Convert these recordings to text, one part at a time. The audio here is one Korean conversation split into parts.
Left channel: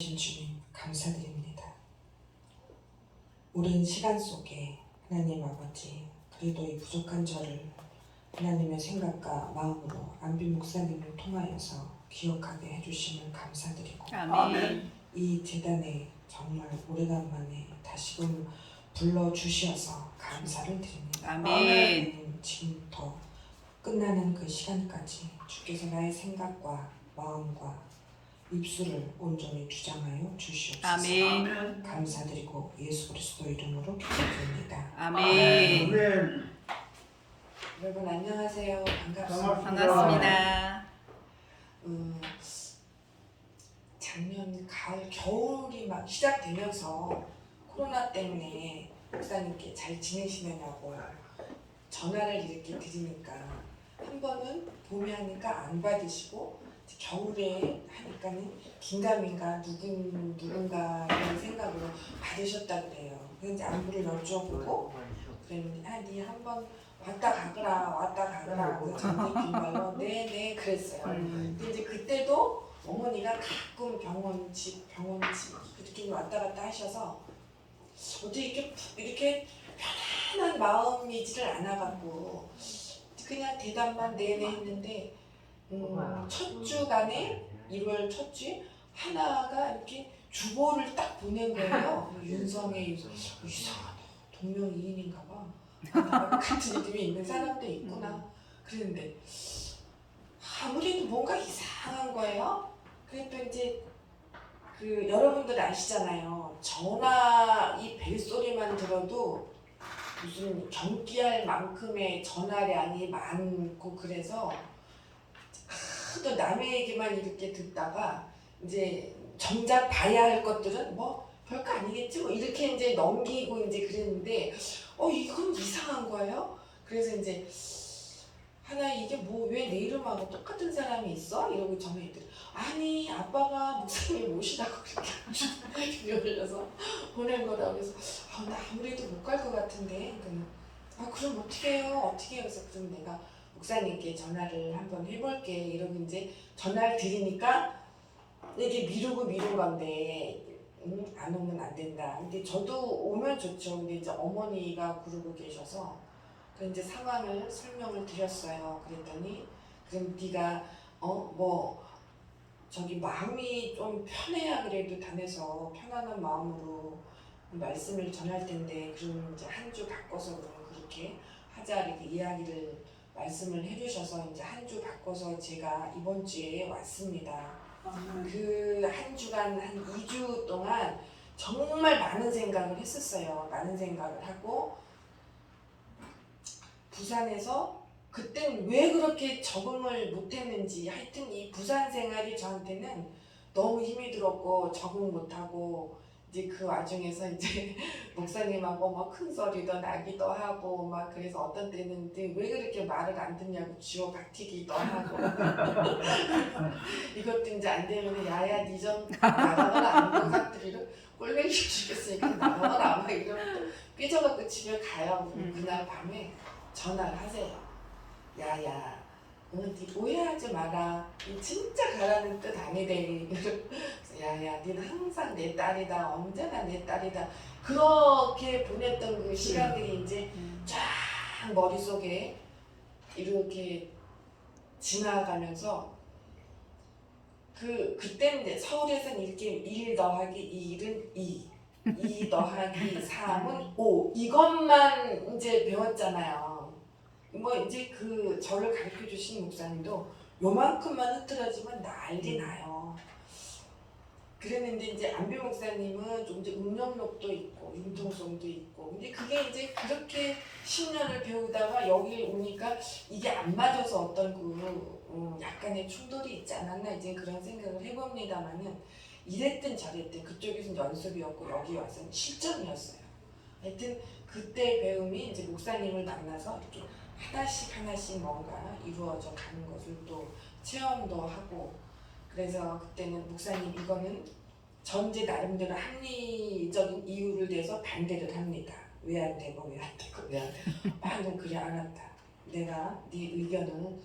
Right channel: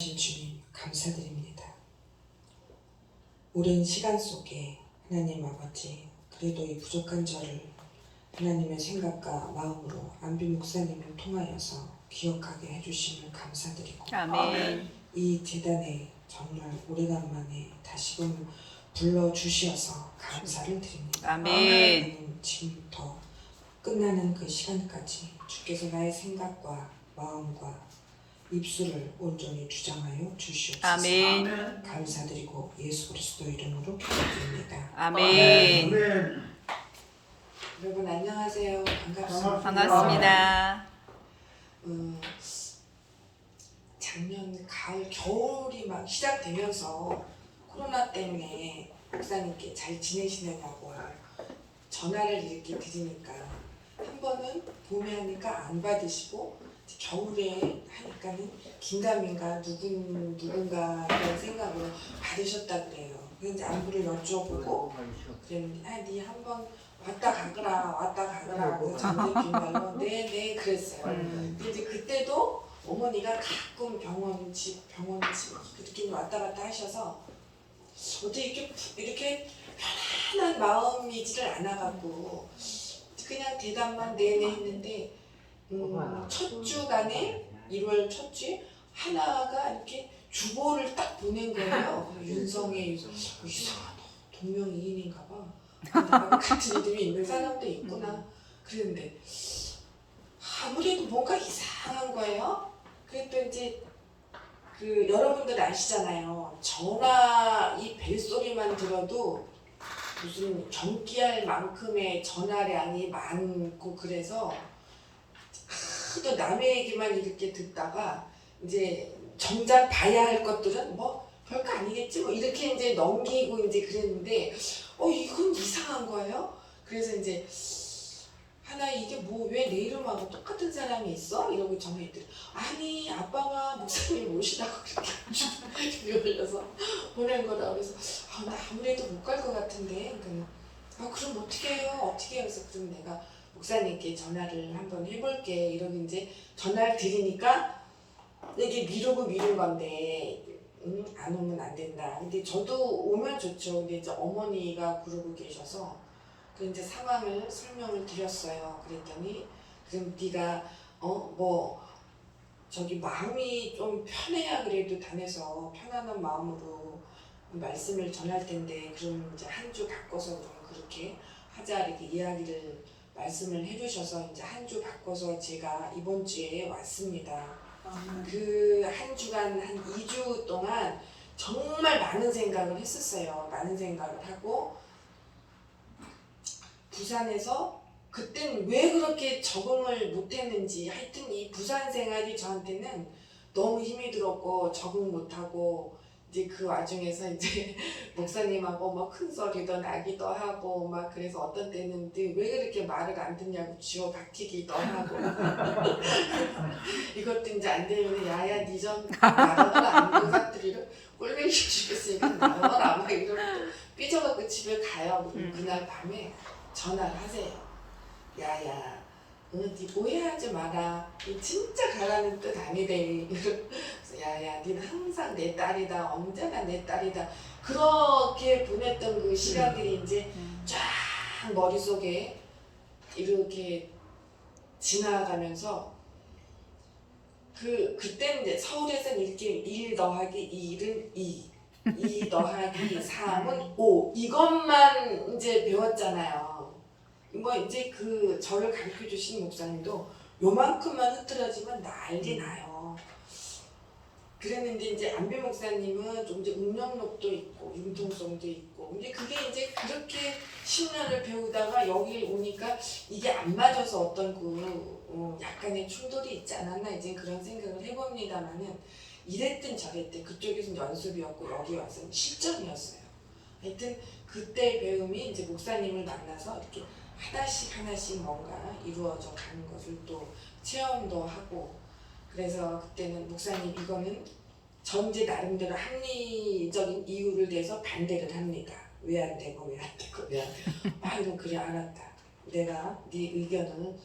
주님 감사드립니다. 오랜 시간 속에 하나님 아버지 그래도 이 부족한 저를 하나님의 생각과 마음으로 안비 목사님을 통하여서 기억하게 해주심을 감사드리고 아멘. 이 재단에 정말 오래간만에 다시금 불러주셔서 감사를 드립니다. 아멘. 지금부터 끝나는 그 시간까지 주께서 나의 생각과 마음과 입술을 온전히 주장하여 주시옵소서. 아멘. 감사드리고 예수 그리스도 이름으로 기도드립니다. 아멘. 여러분 안녕하세요. 반갑습니다. 반갑습니다. 작년 가을 겨울이 막 시작되면서 코로나 때문에 목사님께 잘 지내시느냐고 전화를 이렇게 드리니까 한 번은 봄에 하니까 안 받으시고 겨울에 하니까는 긴가민가 누군가 이런 생각으로 받으셨다 그래요. 그래서 안부를 여쭤보고 그랬는데 네 한번 왔다 가거라 그래서 전대기마요. 네네 그랬어요. 근데 이제 그때도 어머니가 가끔 병원집 그렇게 왔다 갔다 하셔서 어떻게 이렇게 편안한 마음이지를 않아갖고 그냥 대답만 네네 했는데 첫 주간에 1월 첫 주에 하나가 이렇게 주보를 딱 보낸 거예요. 윤성의 이상하다. 동명이인인가 봐. 같은 이름이 있는 사람도 있구나. 그랬는데 아무래도 뭔가 이상한 거예요. 그랬더니 이제 그 여러분들 아시잖아요. 전화 이 벨소리만 들어도 무슨 경기할 만큼의 전화량이 많고 그래서 또 남의 얘기만 이렇게 듣다가 이제 정작 봐야 할 것들은 뭐 별거 아니겠지 뭐 이렇게 이제 넘기고 이제 그랬는데 이건 이상한 거예요. 그래서 이제 하나 이게 뭐 왜 내 이름하고 똑같은 사람이 있어? 이러고 전화했더니 아니 아빠가 목사님 모시다고 그렇게 올려서 보낸 거라 그래서 나 아무래도 못 갈 것 같은데 그럼 어떻게 해요? 그래서 그럼 내가 목사님께 전화를 한번 해볼게 이러고 이제 전화를 드리니까 이게 미룬 건데 안 오면 안 된다. 근데 저도 오면 좋죠. 근데 이제 어머니가 그러고 계셔서 그 이제 상황을 설명을 드렸어요. 그랬더니 그럼 네가 저기 마음이 좀 편해야 그래도 다녀서 편안한 마음으로 말씀을 전할 텐데 그럼 이제 한 주 바꿔서 그렇게 하자 이렇게 이야기를 말씀을 해주셔서 이제 한 주 바꿔서 제가 이번 주에 왔습니다. 그 한 주간 한 2주 동안 정말 많은 생각을 했었어요. 많은 생각을 하고 부산에서 그땐 왜 그렇게 적응을 못했는지 하여튼 이 부산 생활이 저한테는 너무 힘이 들었고 적응 못하고 이제 그 와중에서 이제 목사님하고 막 큰 소리도 나기도 하고 막 그래서 어떤 때는 왜 그렇게 말을 안 듣냐고 쥐어 박히기도 하고 이것도 이제 안 되면 야야 니 좀 나가거라 아닌 것들을 꼴뱅이 죽겠으니까 나가거라 막 이러고 삐져갖고 집에 가요. 그날 밤에 전화를 하세요. 야야 니 오해하지 마라. 니 진짜 가라는 뜻 아니래. 야야 니는 항상 내 딸이다. 언제나 내 딸이다. 그렇게 보냈던 그 시간들이 이제 쫙 머릿속에 이렇게 지나가면서 그때는 이제 서울에서는 이렇게 1 더하기 1은 2 더하기 3은 5 이것만 이제 배웠잖아요. 뭐 이제 그 저를 가르쳐 주신 목사님도 요만큼만 흐트러지면 난리 나요. 그랬는데 이제 안비 목사님은 좀 이제 음력록도 있고 융통성도 있고 근데 그게 이제 그렇게 10년을 배우다가 여기 오니까 이게 안 맞아서 어떤 약간의 충돌이 있지 않았나 이제 그런 생각을 해봅니다만은 이랬든 저랬든 그쪽에서는 연습이었고 여기 와서는 실전이었어요. 하여튼 그때 배움이 이제 목사님을 만나서 이렇게 하나씩 뭔가 이루어져 가는 것을 또 체험도 하고 그래서 그때는 목사님 이거는 전제 나름대로 합리적인 이유를 대서 반대를 합니다. 왜 안 되고 그래 알았다. 내가 네 의견은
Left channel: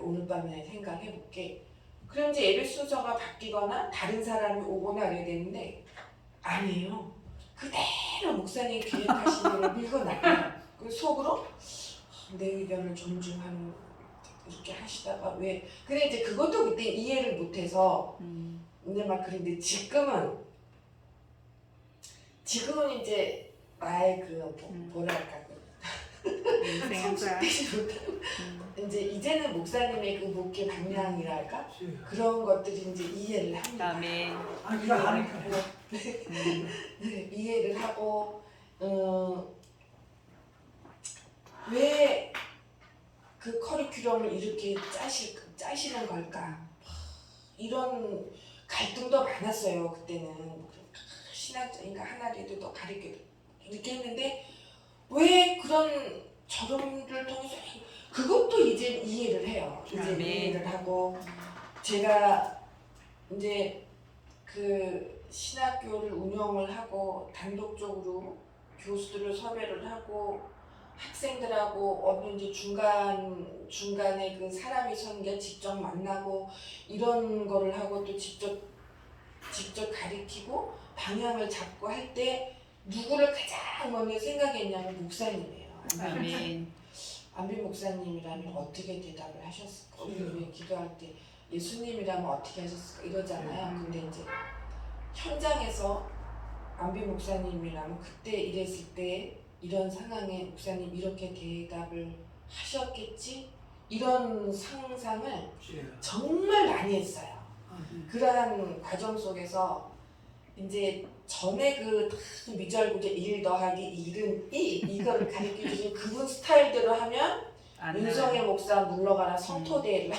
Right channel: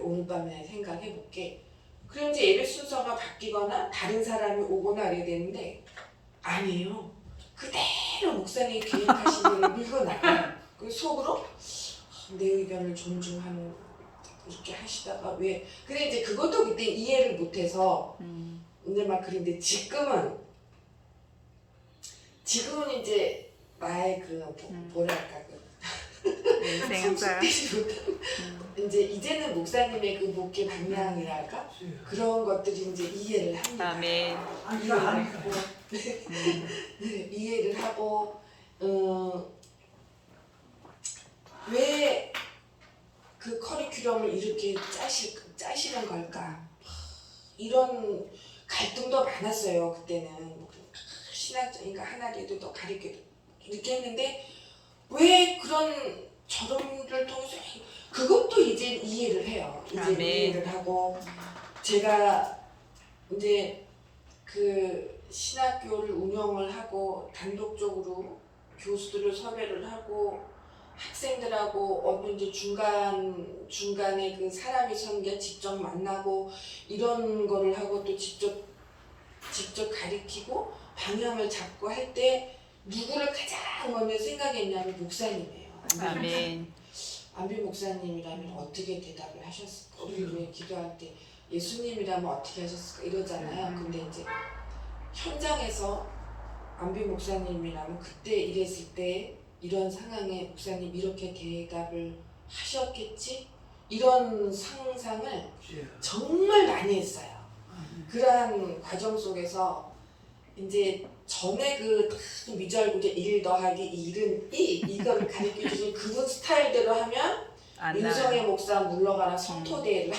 오늘 밤에 생각해 볼게. 그럼 이제 예배 순서가 바뀌거나 다른 사람이 오거나 이래야 되는데 아니에요. 그대로 목사님이 계획하신 일을 밀고 나가요. 그 속으로 내 의견을 존중하는 이렇게 하시다가 왜 근데 이제 그것도 그때 이해를 못해서 근데 막 그런데 지금은 이제 나의 그 뭐랄까 인생사. 이제 이제는 목사님의 그 목회 방향이랄까 그런 것들이 이제 이해를 합니다. 아멘. 이해를 하고 네, 이해를 하고 왜 그 커리큘럼을 이렇게 짜시는 걸까? 이런 갈등도 많았어요. 그때는 신학자니까 하나라도 더 가르쳐 이렇게 했는데 왜 그런 저런를 통해서 그것도 이제 이해를 해요. 이제 아멘. 이해를 하고 제가 이제 그 신학교를 운영을 하고 단독적으로 교수들을 섭외를 하고 학생들하고 어느 이제 중간에 그 사람이 선 게 직접 만나고 이런 거를 하고 또 직접 가리키고 방향을 잡고 할 때 누구를 가장 먼저 생각했냐면 목사님이에요. 아멘. 안비 목사님이라면 어떻게 대답을 하셨을까? 우리 기도할 때 예수님이라면 어떻게 하셨을까? 이러잖아요. 근데 이제 현장에서 안비 목사님이라면 그때 이랬을 때 이런 상황에 목사님 이렇게 대답을 하셨겠지? 이런 상상을 정말 많이 했어요. 그러한 과정 속에서 이제 전에 그 미절구제 1 더하기 1은 2 이거를 가르쳐 주신 그분 스타일대로 하면 윤성의 목사 물러가라 성토대회를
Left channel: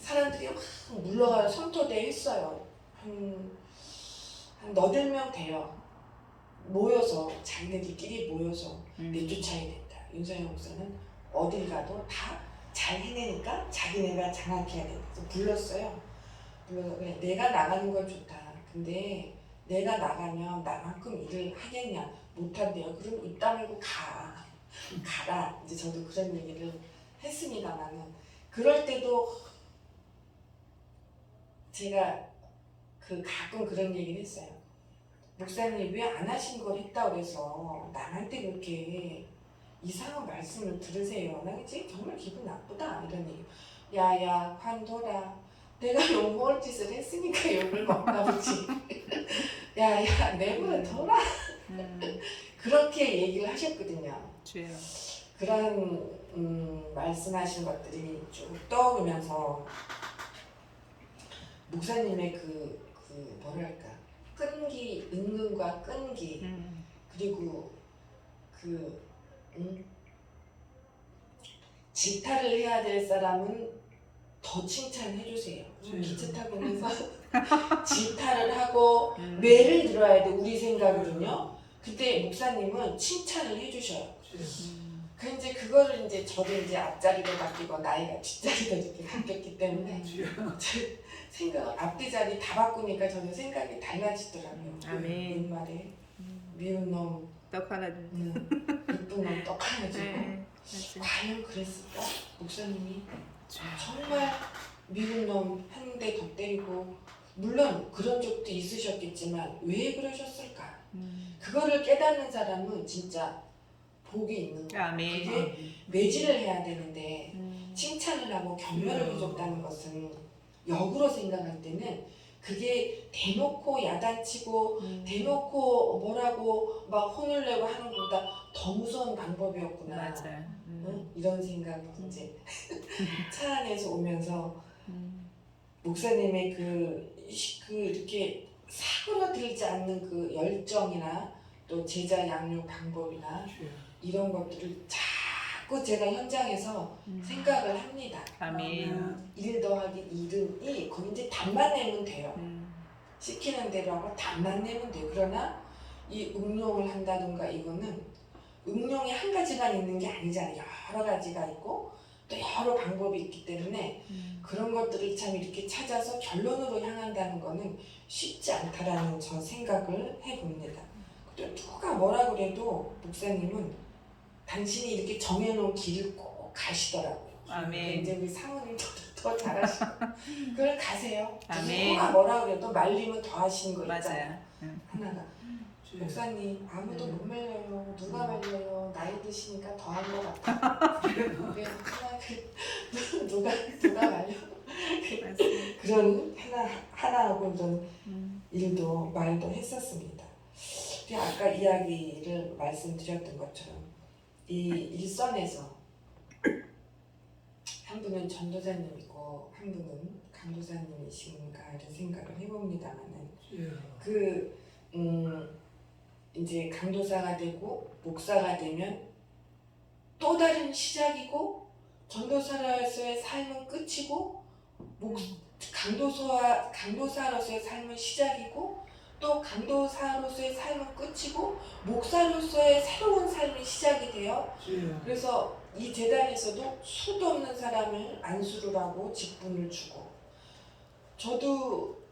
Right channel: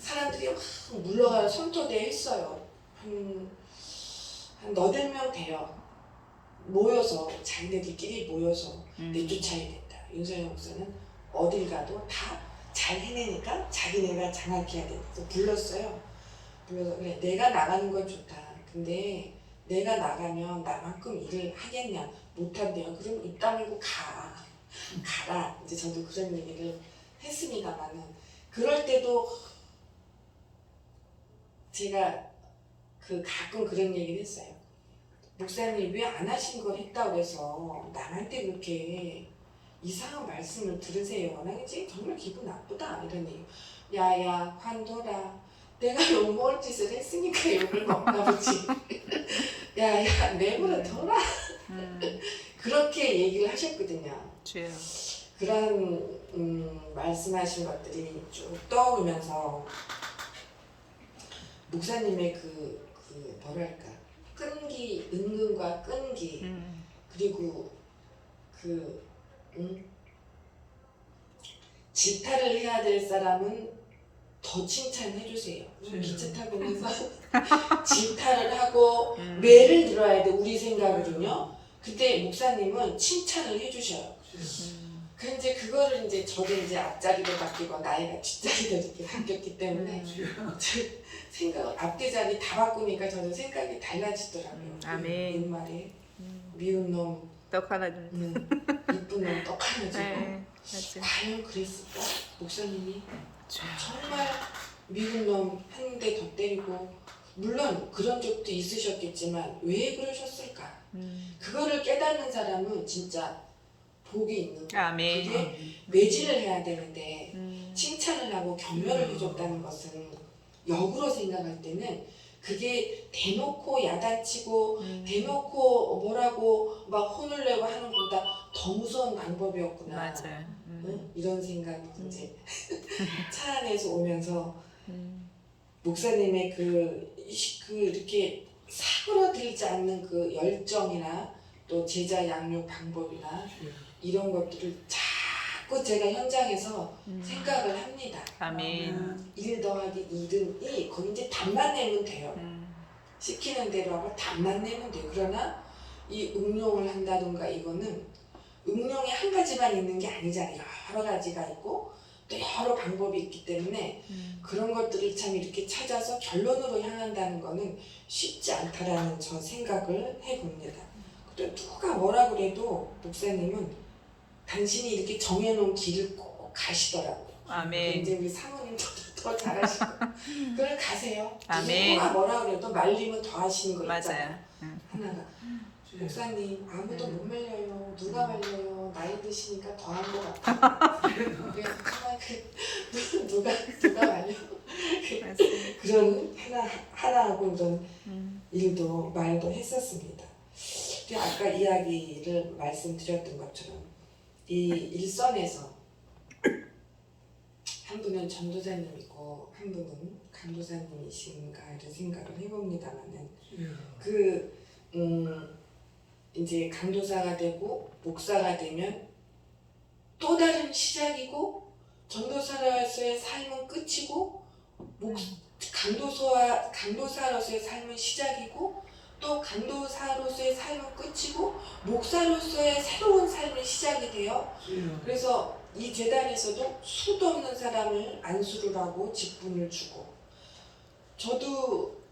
사람들이 막 물러가라 성토대회 했어요. 한 너댓 명 돼요. 모여서 자기네들끼리 모여서 내쫓아야 된다. 윤석열 목사는 어딜 가도 다 잘 해내니까 자기네가 장악해야 된다. 그래서 불렀어요. 불러서 그래 내가 나가는 건 좋다. 근데 내가 나가면 나만큼 일을 하겠냐? 못한대요. 그럼 입 다물고 가라. 이제 저도 그런 얘기를 했습니다만은 그럴 때도 제가 그 가끔 그런 얘기를 했어요. 목사님 왜 안 하신 걸 했다고 해서 남한테 그렇게 이상한 말씀을 들으세요. 나 그치? 정말 기분 나쁘다 이런 얘기. 야야 관둬라. 내가 욕먹을 짓을 했으니까 욕을 먹나 보지. 야야 내버려둬라. 그렇게 얘기를 하셨거든요. 주여. 그런 말씀하신 것들이 쭉 떠오르면서 목사님의 그 뭐랄까 끈기, 은근과 끈기 그리고 그 질타를 해야 될 사람은 더 칭찬해 주세요. 기차 타고 오면서 질타를 하고 매를 들어야 돼 우리 생각으로는요. 그때 목사님은 칭찬을 해주셔요. 그 이제 그거를 이제 저도 이제 앞자리로 바뀌고 나이가 뒷자리로 이렇게 바뀌었기 때문에 생각 앞뒤 자리 다 바꾸니까 저는 생각이 달라지더라고요. 아멘. 옛말에 미운 놈, 떡 하나 줘. 이쁜 놈 떡 하나 주고 네, 맞아. 과연 그랬을까? 목사님이 정말 미운 놈 한 대 더 때리고 물론 그런 적도 있으셨겠지만 왜 그러셨을까? 그거를 깨닫는 사람은 진짜 복이 있는 거예요. 아멘. 그게 매질을 해야 되는데 칭찬을 하고 격려를 해줬다는 것은 역으로 생각할 때는 그게 대놓고 야단치고 대놓고 뭐라고 막 혼을 내고 하는 것보다 더 무서운 방법이었구나. 맞아요. 응? 이런 생각이 이제 차 안에서 오면서 목사님의 그 이렇게 사그러들지 않는 그 열정이나 또 제자 양육 방법이나 이런 것들을 자꾸 제가 현장에서 생각을 합니다. 아멘. 1 더하기 1은 2 거기 이제 답만 내면 돼요. 시키는 대로 하고 답만 내면 돼요. 그러나 이 응용을 한다든가 이거는 응용이 한 가지만 있는 게 아니잖아요. 여러 가지가 있고 또 여러 방법이 있기 때문에 그런 것들을 참 이렇게 찾아서 결론으로 향한다는 거는 쉽지 않다라는 저 생각을 해봅니다. 또 누가 뭐라 그래도 목사님은 당신이 이렇게 정해놓은 길을 꼭 가시더라고요. 아멘. 이제 우리 사모님 저도 더 잘하시고 그걸 가세요. 아멘. 누가 뭐라 그래도 말리면 더 하시는 거 있잖아요. 맞아요. 응. 하나가 목사님 아무도 못 말려요. 누가 말려요. 나이 드시니까 더 한 것 같아요. 그래서 정말 누가 말려? 맞아요. 그런 하나하고 그런 음. 말도 했었습니다. 그리고 아까 이야기를 말씀드렸던 것처럼 이 일선에서 한 분은 전도사님이고 한 분은 강도사님이신가 이런 생각을 해봅니다만은 이제 강도사가 되고 목사가 되면 또 다른 시작이고 전도사로서의 삶은 끝이고 강도사로서의 삶은 시작이고 또 강도사로서의 삶은 끝이고 목사로서의 새로운 삶이 시작이 돼요. 그래서 이 재단에서도 수도 없는 사람을 안수를 하고 직분을 주고 저도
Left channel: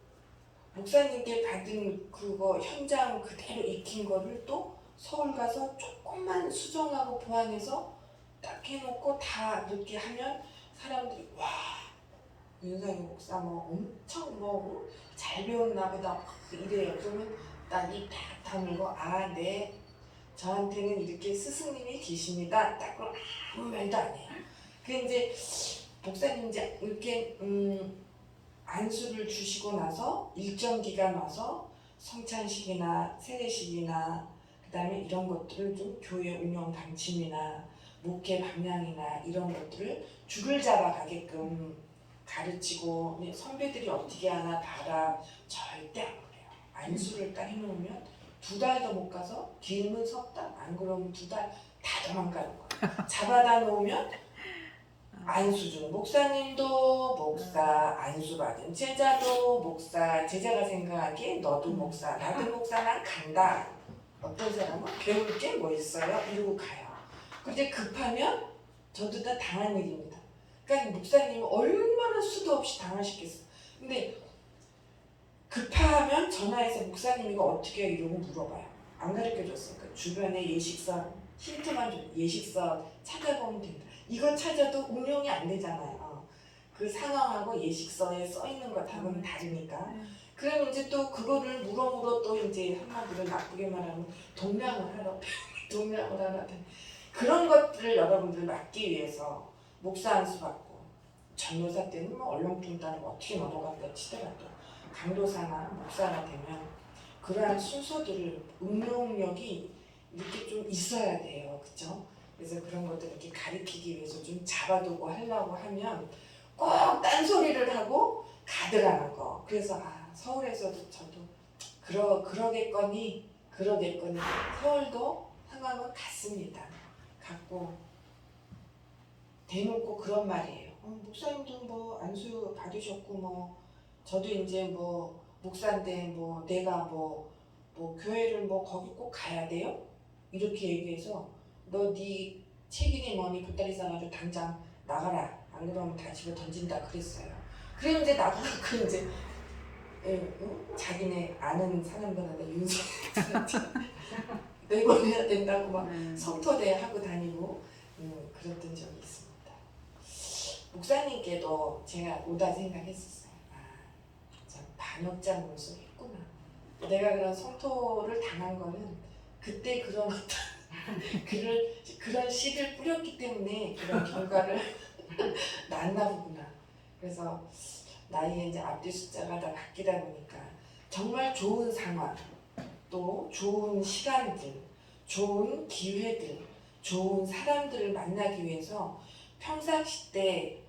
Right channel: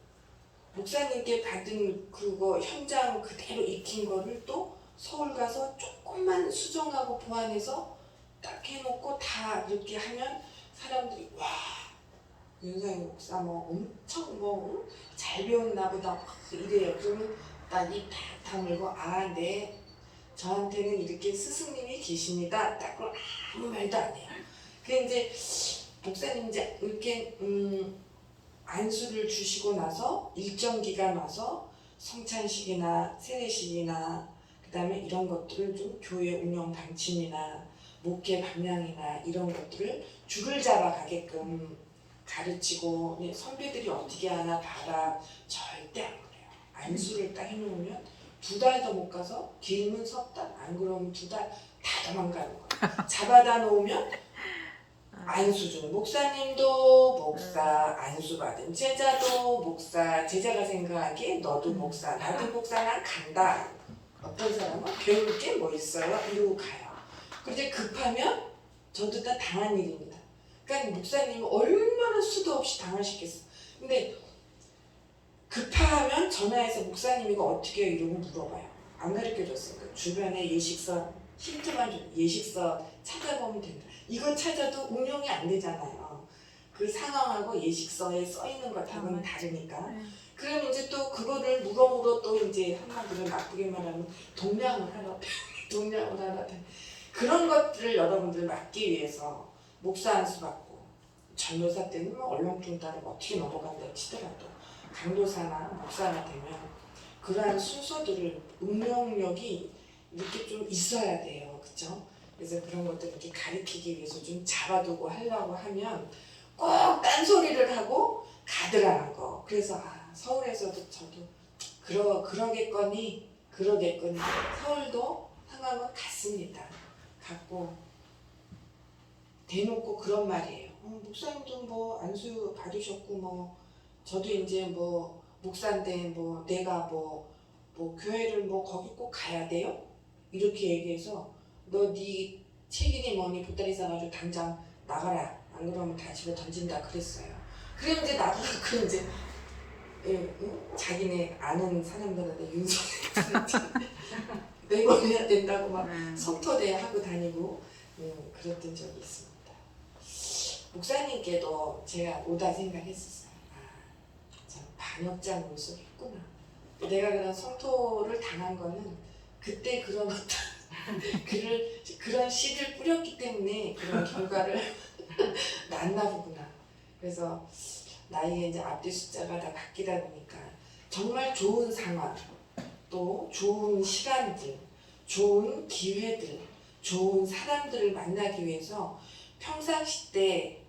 목사님께 받은 그거 현장 그대로 익힌 거를 또 서울 가서 조금만 수정하고 보완해서 딱 해놓고 다 이렇게 하면 사람들이 와 윤상희 목사 뭐 엄청 뭐 잘 배웠나 보다 이래요. 그러면 난 입 딱 다물고 아 네 저한테는 이렇게 스승님이 계십니다. 딱 그럼 아무 말도 안 해요. 근데 이제 목사님 이제 이렇게 안수를 주시고 나서 일정 기간 와서 성찬식이나 세례식이나 그다음에 이런 것들을 좀 교회 운영 방침이나 목회 방향이나 이런 것들을 줄을 잡아 가게끔 가르치고 선배들이 어떻게 하나 봐라 절대 안 그래요. 안수를 딱 해놓으면 2달도 못 가서 길면 석 달, 안 그러면 2달 다 도망가는 거예요. 잡아다 놓으면 안수 주는 목사님도 목사 안수 받은 제자도 목사 제자가 생각하기에 너도 목사 나도 목사 난 간다. 어떤 사람은 배울 게 뭐 있어요? 이러고 가요. 그런데 급하면 저도 다 당한 일입니다. 그러니까 목사님은 얼마나 수도 없이 당하시겠어. 근데 급하면 전화해서 목사님 이거 어떻게 해요? 이러고 물어봐요. 안 가르쳐줬으니까 주변에 예식서 힌트만 줘. 예식서 찾아보면 된다. 이건 찾아도 운영이 안 되잖아요. 그 상황하고 예식서에 써 있는 것하고는 다르니까. 그러면 이제 또 그거를 물어물어 또 이제 한마디로 나쁘게 말하면 동냥을 하러 그런 것들을 여러분들 막기 위해서 목사 안수 받고 전도사 때는 뭐 얼렁뚱땅 어떻게 넘어간다 치더라도 강도사나 목사가 되면 그러한 순서들을 운영력이 이렇게 좀 있어야 돼요. 그렇죠? 그래서 그런 것들을 이렇게 가르치기 위해서 좀 잡아두고 하려고 하면 꼭 딴소리를 하고 가드라는 거. 그래서 서울에서도 저도 그러겠거니 서울도 상황은 같습니다. 같고 대놓고 그런 말이에요. 목사님도 뭐 안수 받으셨고 뭐 저도 이제 뭐 목사인데 뭐 내가 뭐 교회를 뭐 거기 꼭 가야 돼요? 이렇게 얘기해서 너 네 책임이 뭐니 보따리 싸가지고 당장 나가라. 안 그러면 다 집어 던진다 그랬어요. 그럼 이제 나가고 이제 자기네 아는 사람들한테 윤석열 내보내야 된다고 막 성토대 하고 다니고 그랬던 적이 있습니다. 목사님께도 제가 오다 생각했었어요. 참 반역자 물속에 있구나. 내가 그런 성토를 당한 거는 그때 그런 그런 씨를 뿌렸기 때문에 그런 결과를 낳나 보구나. 그래서 나이가 이제 앞뒤 숫자가 다 바뀌다 보니까 정말 좋은 상황, 또 좋은 시간들, 좋은 기회들, 좋은 사람들을 만나기 위해서 평상시 때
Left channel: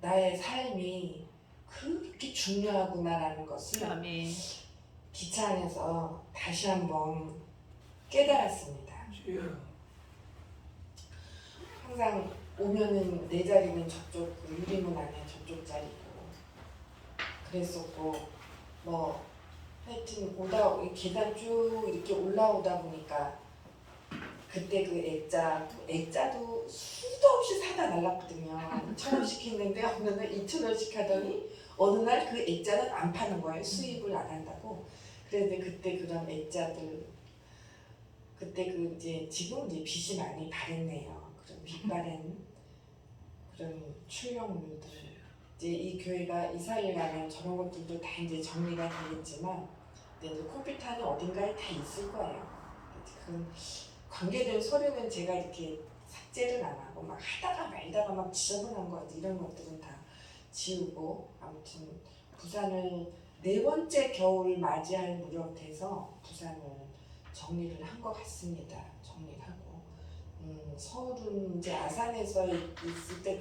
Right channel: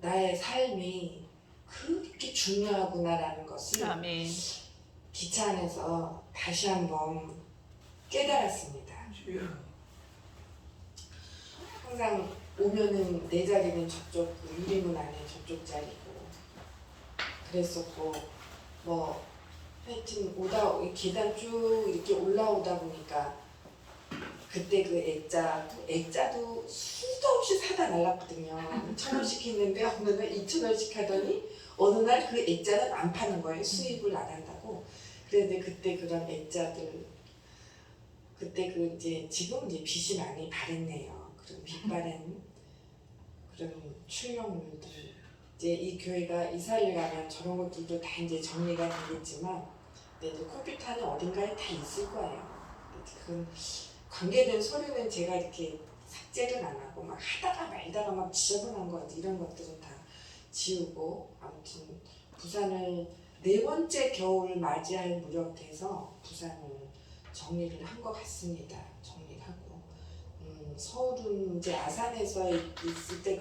나의 삶이 그렇게 중요하구나라는 것을 아멘. 기차 안에서 다시 한번 깨달았습니다. 항상 오면은 내 자리는 저쪽 유리문 안에 저쪽 자리고 그랬었고 뭐 하여튼 계단 쭉 이렇게 올라오다 보니까 그때 그 액자도 수도 없이 사다 날랐거든요. 1,000원씩 했는데 어느 날 2,000원씩 하더니 어느 날 그 액자는 안 파는 거예요. 수입을 안 한다고. 그런데 그때 그런 액자들 그때 그 이제 지금 이제 빛이 많이 바랬네요. 그런 빛 바랜 그런 출력물들 이제 이 교회가 이사를 가면 저런 것들도 다 이제 정리가 되겠지만, 근데 이제 컴퓨터는 어딘가에 다 있을 거예요. 그 관계된 서류는 제가 이렇게 삭제를 안 하고 막 하다가 말다가 막 지저분한 거 이런 것들은 다 지우고, 아무튼 부산을 네 번째 겨울 맞이할 무렵 돼서 부산을 정리를 한 것 같습니다. 정리를 하고 서울은 이제 아산에서 있을 때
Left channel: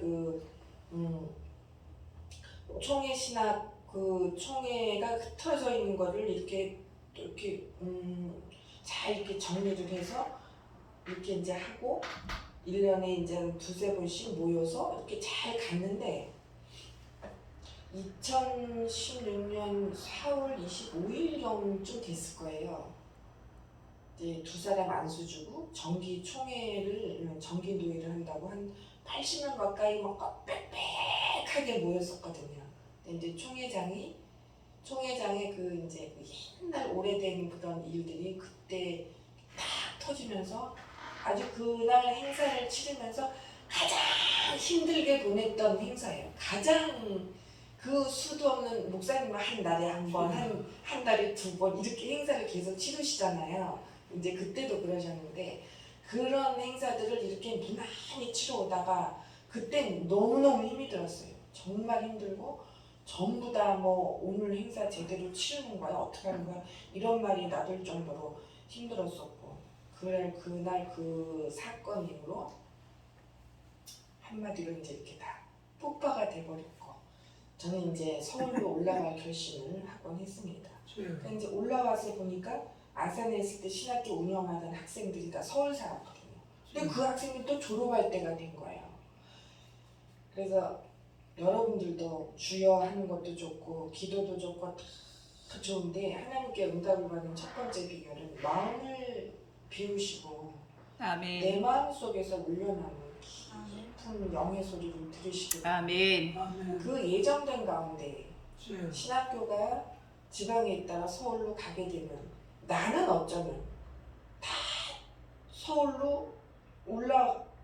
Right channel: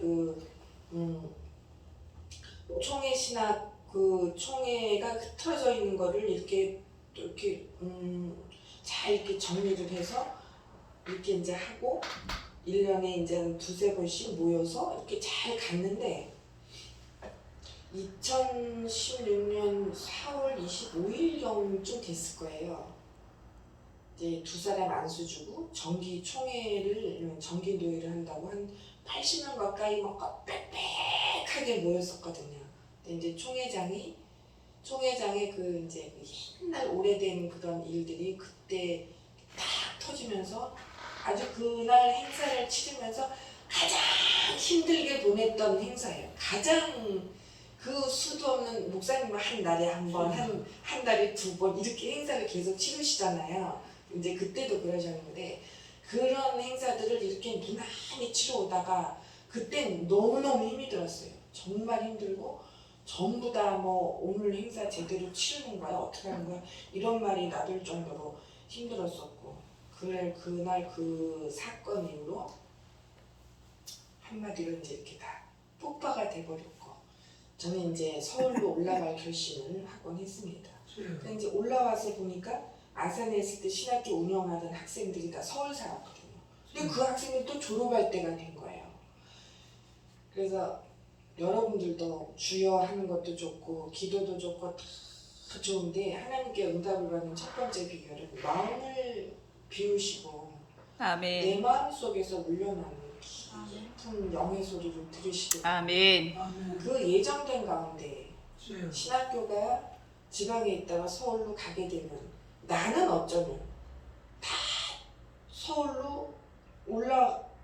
총회 신학 그 총회가 흩어져 있는 거를 이렇게 또 이렇게 잘 이렇게 정리를 해서 이렇게 이제 하고 1년에 이제 두세 번씩 모여서 이렇게 잘 갔는데 2016년 4월 25일경쯤 됐을 거예요. 이제 두 사람 안수 주고 정기 총회를 정기 노예를 한다고 한 80명 가까이 막 빽빽하게 모였었거든요. 근데 이제 총회장의 그 이제 그 옛날 오래된 그런 일들이 그때 딱 터지면서 아주 그날 행사를 치르면서 가장 힘들게 보냈던 행사예요. 가장 그 수도 없는 목사님은 한 달에 한 번, 한 달에 두 번 이렇게 행사를 계속 치르시잖아요. 이제 그때도 그러셨는데 그런 행사들을 이렇게 무난히 치러오다가 그땐 너무너무 힘이 들었어요. 정말 힘들고 전부 다 뭐 오늘 행사 제대로 치르는 거야? 어떻게 하는 거야? 이런 말이 나돌 정도로 힘들었었고 그날 그 사건 이후로 한마디로 이제 이렇게 다 폭파가 돼버렸고 저는 이제 서울로 올라갈 결심을 하곤 했습니다. 근데 이제 올라와서 보니까 아산에 있을 때 신학교 운영하던 학생들이 다 서울 살았거든요. 근데 그 학생이 또 졸업할 때가 된 거예요. 그래서 여러분들도 주여 하는 것도 좋고 기도도 좋고 다 좋은데 하나님께 응답을 받는 첫 번째 비결은 마음을 비우시고 내 아멘. 마음 속에서 울려나는 깊은 영의 소리를 들으시고 아멘. 그 예정된 가운데 신학교가 지방에 있다가 서울로 가게 되면 나는 어쩌면 다 서울로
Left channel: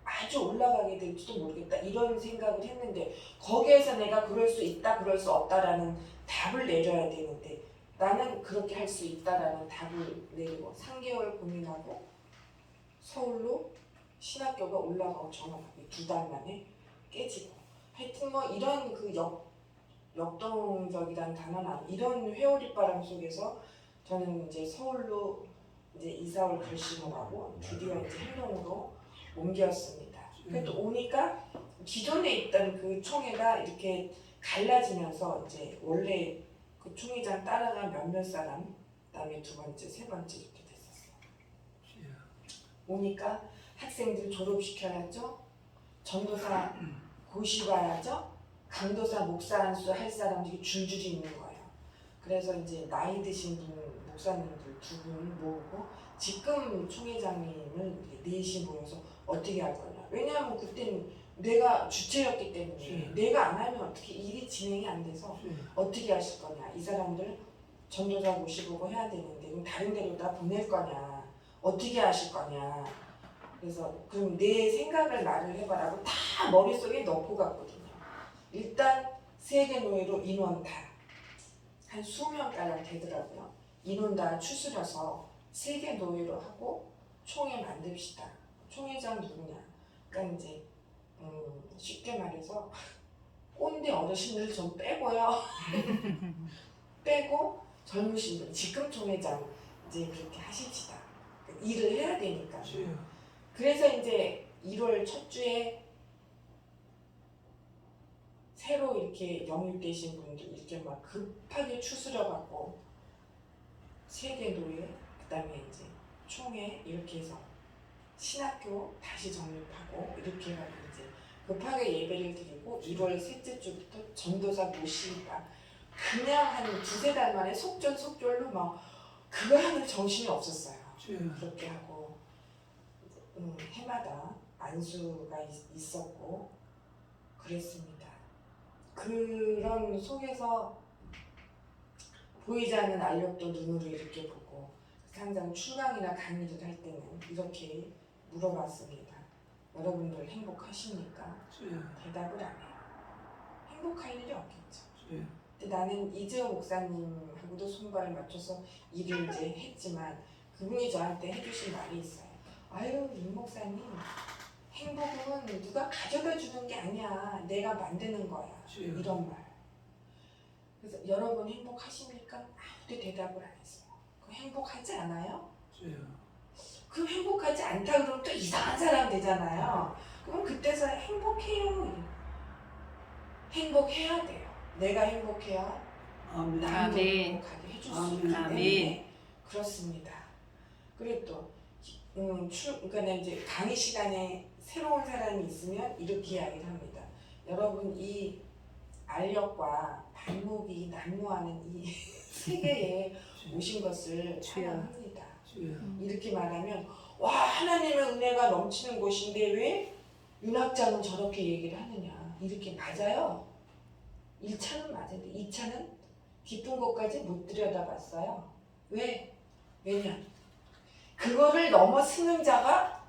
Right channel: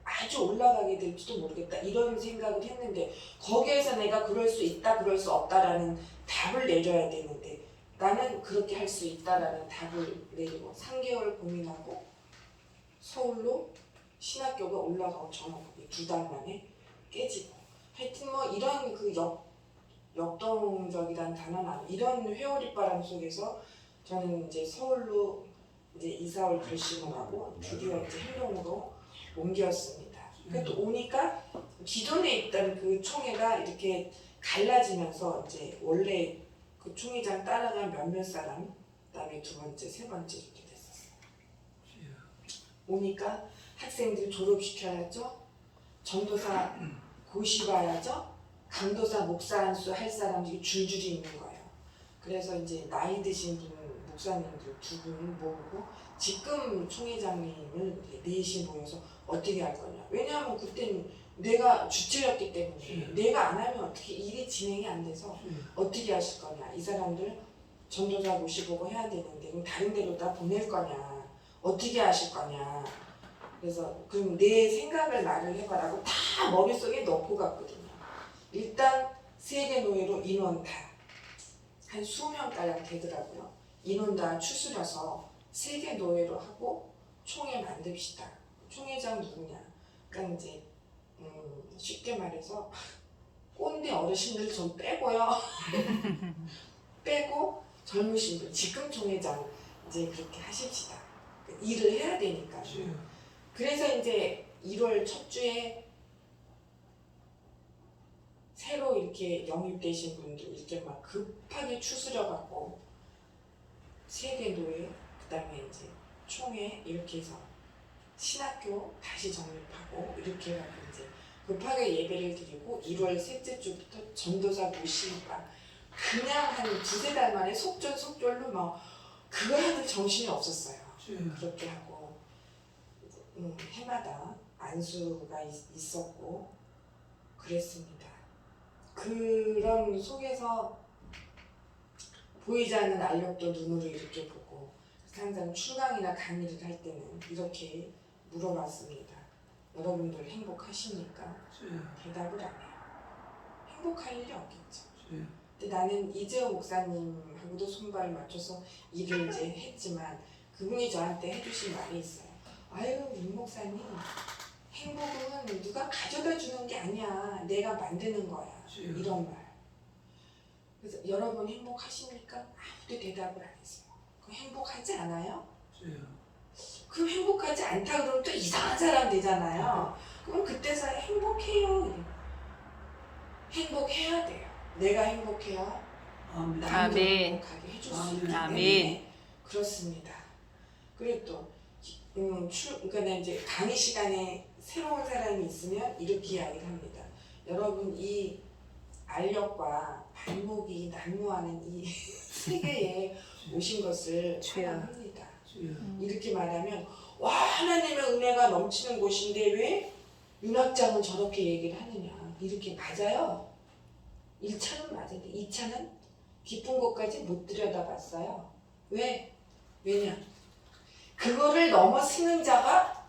아주 올라가게 될지도 모르겠다 이런 생각을 했는데 거기에서 내가 그럴 수 있다 그럴 수 없다라는 답을 내려야 되는데 나는 그렇게 할 수 있다라는 답을 내리고 3개월 고민하고 서울로 신학교가 올라가고 정확하게 2달 만에 깨지고 하여튼 뭐 이런 그 역동적이란 단어는 이런 회오리 바람 속에서 저는 이제 서울로 이제 이사올 결심을 하고 드디어 이제 행동으로 옮겼습니다. 근데 또 오니까 기존에 있던 그 총회가 이렇게 갈라지면서 이제 원래 그 총회장 따라간 몇몇 사람, 그다음에 두 번째, 세 번째 이렇게 됐었어요. 오니까 학생들 졸업시켜야죠. 전도사 고시 봐야죠. 강도사 목사 안수 할 사람들이 줄줄이 있는 거예요. 그래서 이제 나이 드신 목사님들 두 분을 모으고 지금 총회장님을 넷이 모여서 어떻게 할 거냐. 왜냐하면 그때는 내가 주체였기 때문에 내가 안 하면 어떻게 일이 진행이 안 돼서 어떻게 하실 거냐. 이 사람들 전도사 모시고 해야 되는데 그럼 다른 데로 다 보낼 거냐. 어떻게 하실 거냐. 그래서 그럼 내 생각을 말을 해봐라고 다 머릿속에 넣고 갔거든요. 일단 세계 노예로 인원 다 한 20명가량 되더라고요. 인원 다 추스려서 세계 노예로 하고 총회 만듭시다. 총회장 누구냐? 그러니까 이제 쉽게 말해서 꼰대 어르신들 좀 빼고요. 빼고 젊으신 분 지금 총회장 이제 그렇게 하십시다. 일을 해야 되니까. 그래서 이제 1월 첫 주에 새로 이렇게 영입되신 분들 이렇게 막 급하게 추스려 갖고 세계 노예 그다음에 이제 총회 이렇게 해서 신학교 다시 정립하고 이렇게 해가지고 이제 급하게 예배를 드리고 1월 셋째 주부터 전도사 모시니까 그냥 한 두세 달 만에 속전속결로 막 그거 하는 정신이 없었어요. 그렇게 하고 해마다 안수가 있었고 그랬습니다. 그런 속에서 보이지 않는 알력도 눈으로 이렇게 보고 항상 출강이나 강의를 할 때는 이렇게 물어봤습니다. 여러분들 행복하십니까? 대답을 안 해요. 행복할 일이 없겠죠. 주여. 근데 나는 이재호 목사님하고도 손발을 맞춰서 일을 이제 했지만 그분이 저한테 해주신 말이 있어요. 아유, 윤 목사님, 행복은 누가 가져다 주는 게 아니야. 내가 만드는 거야. 주여. 이런 말. 그래서 여러분 행복하십니까? 아무도 대답을 안 했어요. 그 행복하지 않아요? 주여. 그 행복하지 않다 그러면 또 이상한 사람 되잖아요. 그럼 그때서 행복해요. 행복해야 돼요. 내가 행복해야 아멘. 남도 아멘. 행복하게 해줄 수 아멘. 있기 때문에 아멘. 그렇습니다. 그리고 또 그러니까 이제 강의 시간에 새로운 사람이 있으면 이렇게 이야기를 합니다. 여러분 이 알력과 발목이 난무하는 이 세계에 오신 것을 주여. 환영합니다. 주여. 이렇게 말하면 와 하나님의 은혜가 넘치는 곳인데 왜 윤학장은 저렇게 얘기를 하느냐 이렇게 맞아요. 1차는 맞은데 2차는 깊은 곳까지 못 들여다봤어요. 왜? 왜냐? 그거를 넘어서는 자가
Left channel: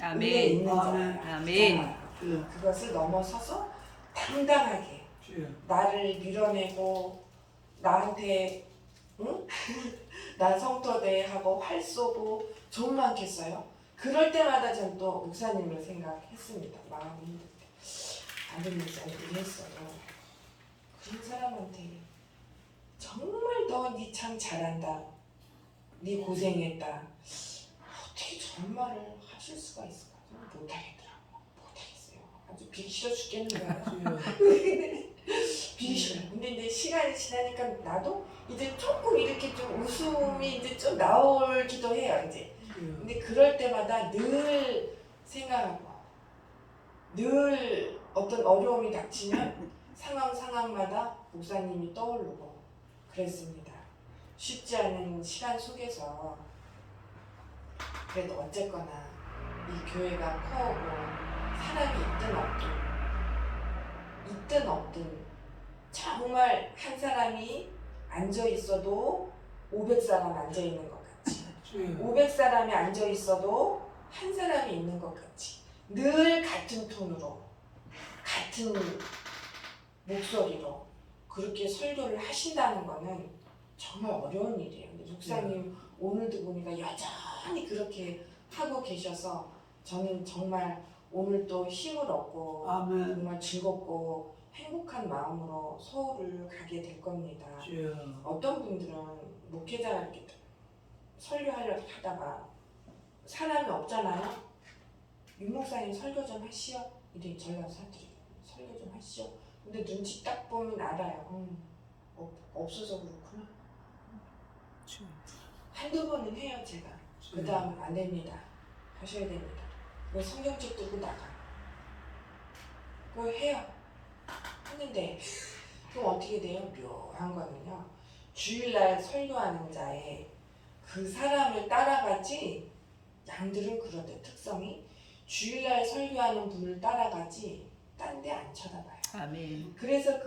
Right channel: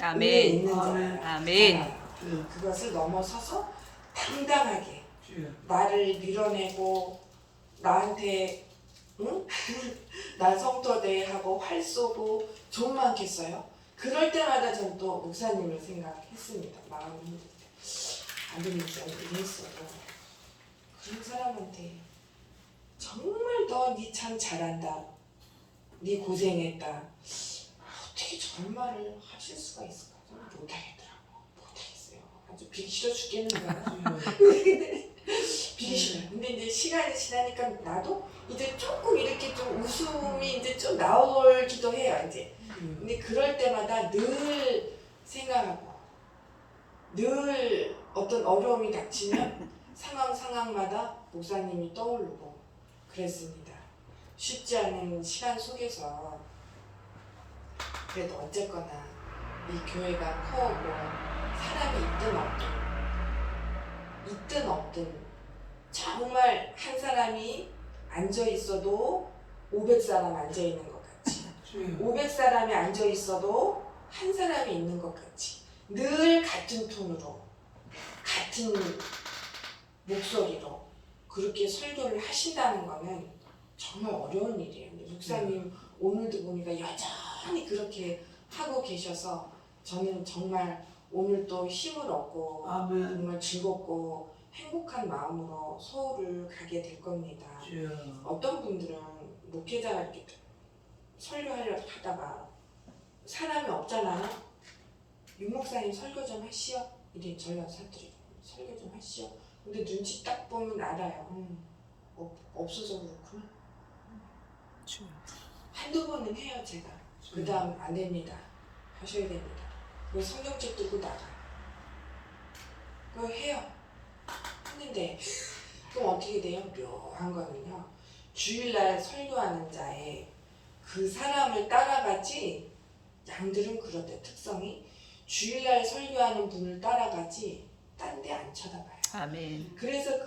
위에 아멘. 있는 아멘. 자예요. 아멘. 주여. 그것을 넘어서서 당당하게 주여. 나를 밀어내고 나한테 응? 나 성토대하고 활 쏘고 좀 많겠어요? 그럴 때마다 전 또 목사님을 생각했습니다. 마음이 힘들 때. 안된 목사님이 했어도 그런 사람한테 정말 너 니 참 잘한다. 니 고생했다. 어떻게 저런 말을 하실 수가 있을까? 저는 못하겠더라고. 못하겠어요. 아주 비기 싫어 죽겠는 거야. 주여. 비기 싫어요. 근데 이제 시간이 지나니까 나도 이제 조금 이렇게 좀 웃음이 이제 좀 나오기도 해요. 이제. 근데 그럴 때마다 늘 생각하고 늘 어떤 어려움이 닥치면 상황마다 목사님이 떠오르고 그랬습니다. 쉽지 않은 시간 속에서 그래도 어쨌거나 이 교회가 커오고 사람이 있든 없든 정말 한 사람이 앉아 있어도 500사람 앉아 있는 것 같이 주여. 500사람이 앉아 있어도 한 사람이 있는 것 같이 늘 같은 톤으로 같은 목소리로 그렇게 설교를 하신다는 거는 정말 어려운 일이에요. 근데 목사님 오늘도 보니까 여전히 그렇게 하고 계셔서 저는 정말 오늘 또 힘을 얻고 아멘. 정말 즐겁고 행복한 마음으로 서울을 가게 될 겁니다. 주여. 어떤 분들은 목회자가 이렇게 설교하려고 하다가 사람이 없잖아요. 윤 목사님 설교 좀 하시오. 이래 전화 사투리 설교 좀 하시오. 근데 눈치 딱 보면 알아요. 없어서 그렇구나. 주여. 한두 번은 해요 제가. 그 다음 안 됩니다. 하셔야 됩니다. 그 성경책 들고 나가요. 그거 해요. 했는데 그럼 어떻게 돼요? 묘한 거는요. 주일날 설교하는 자의 그 사람을 따라가지 양들은 그렇대. 특성이 주일날 설교하는 분을 따라가지 딴 데 안 쳐다봐요. 아멘. 그래서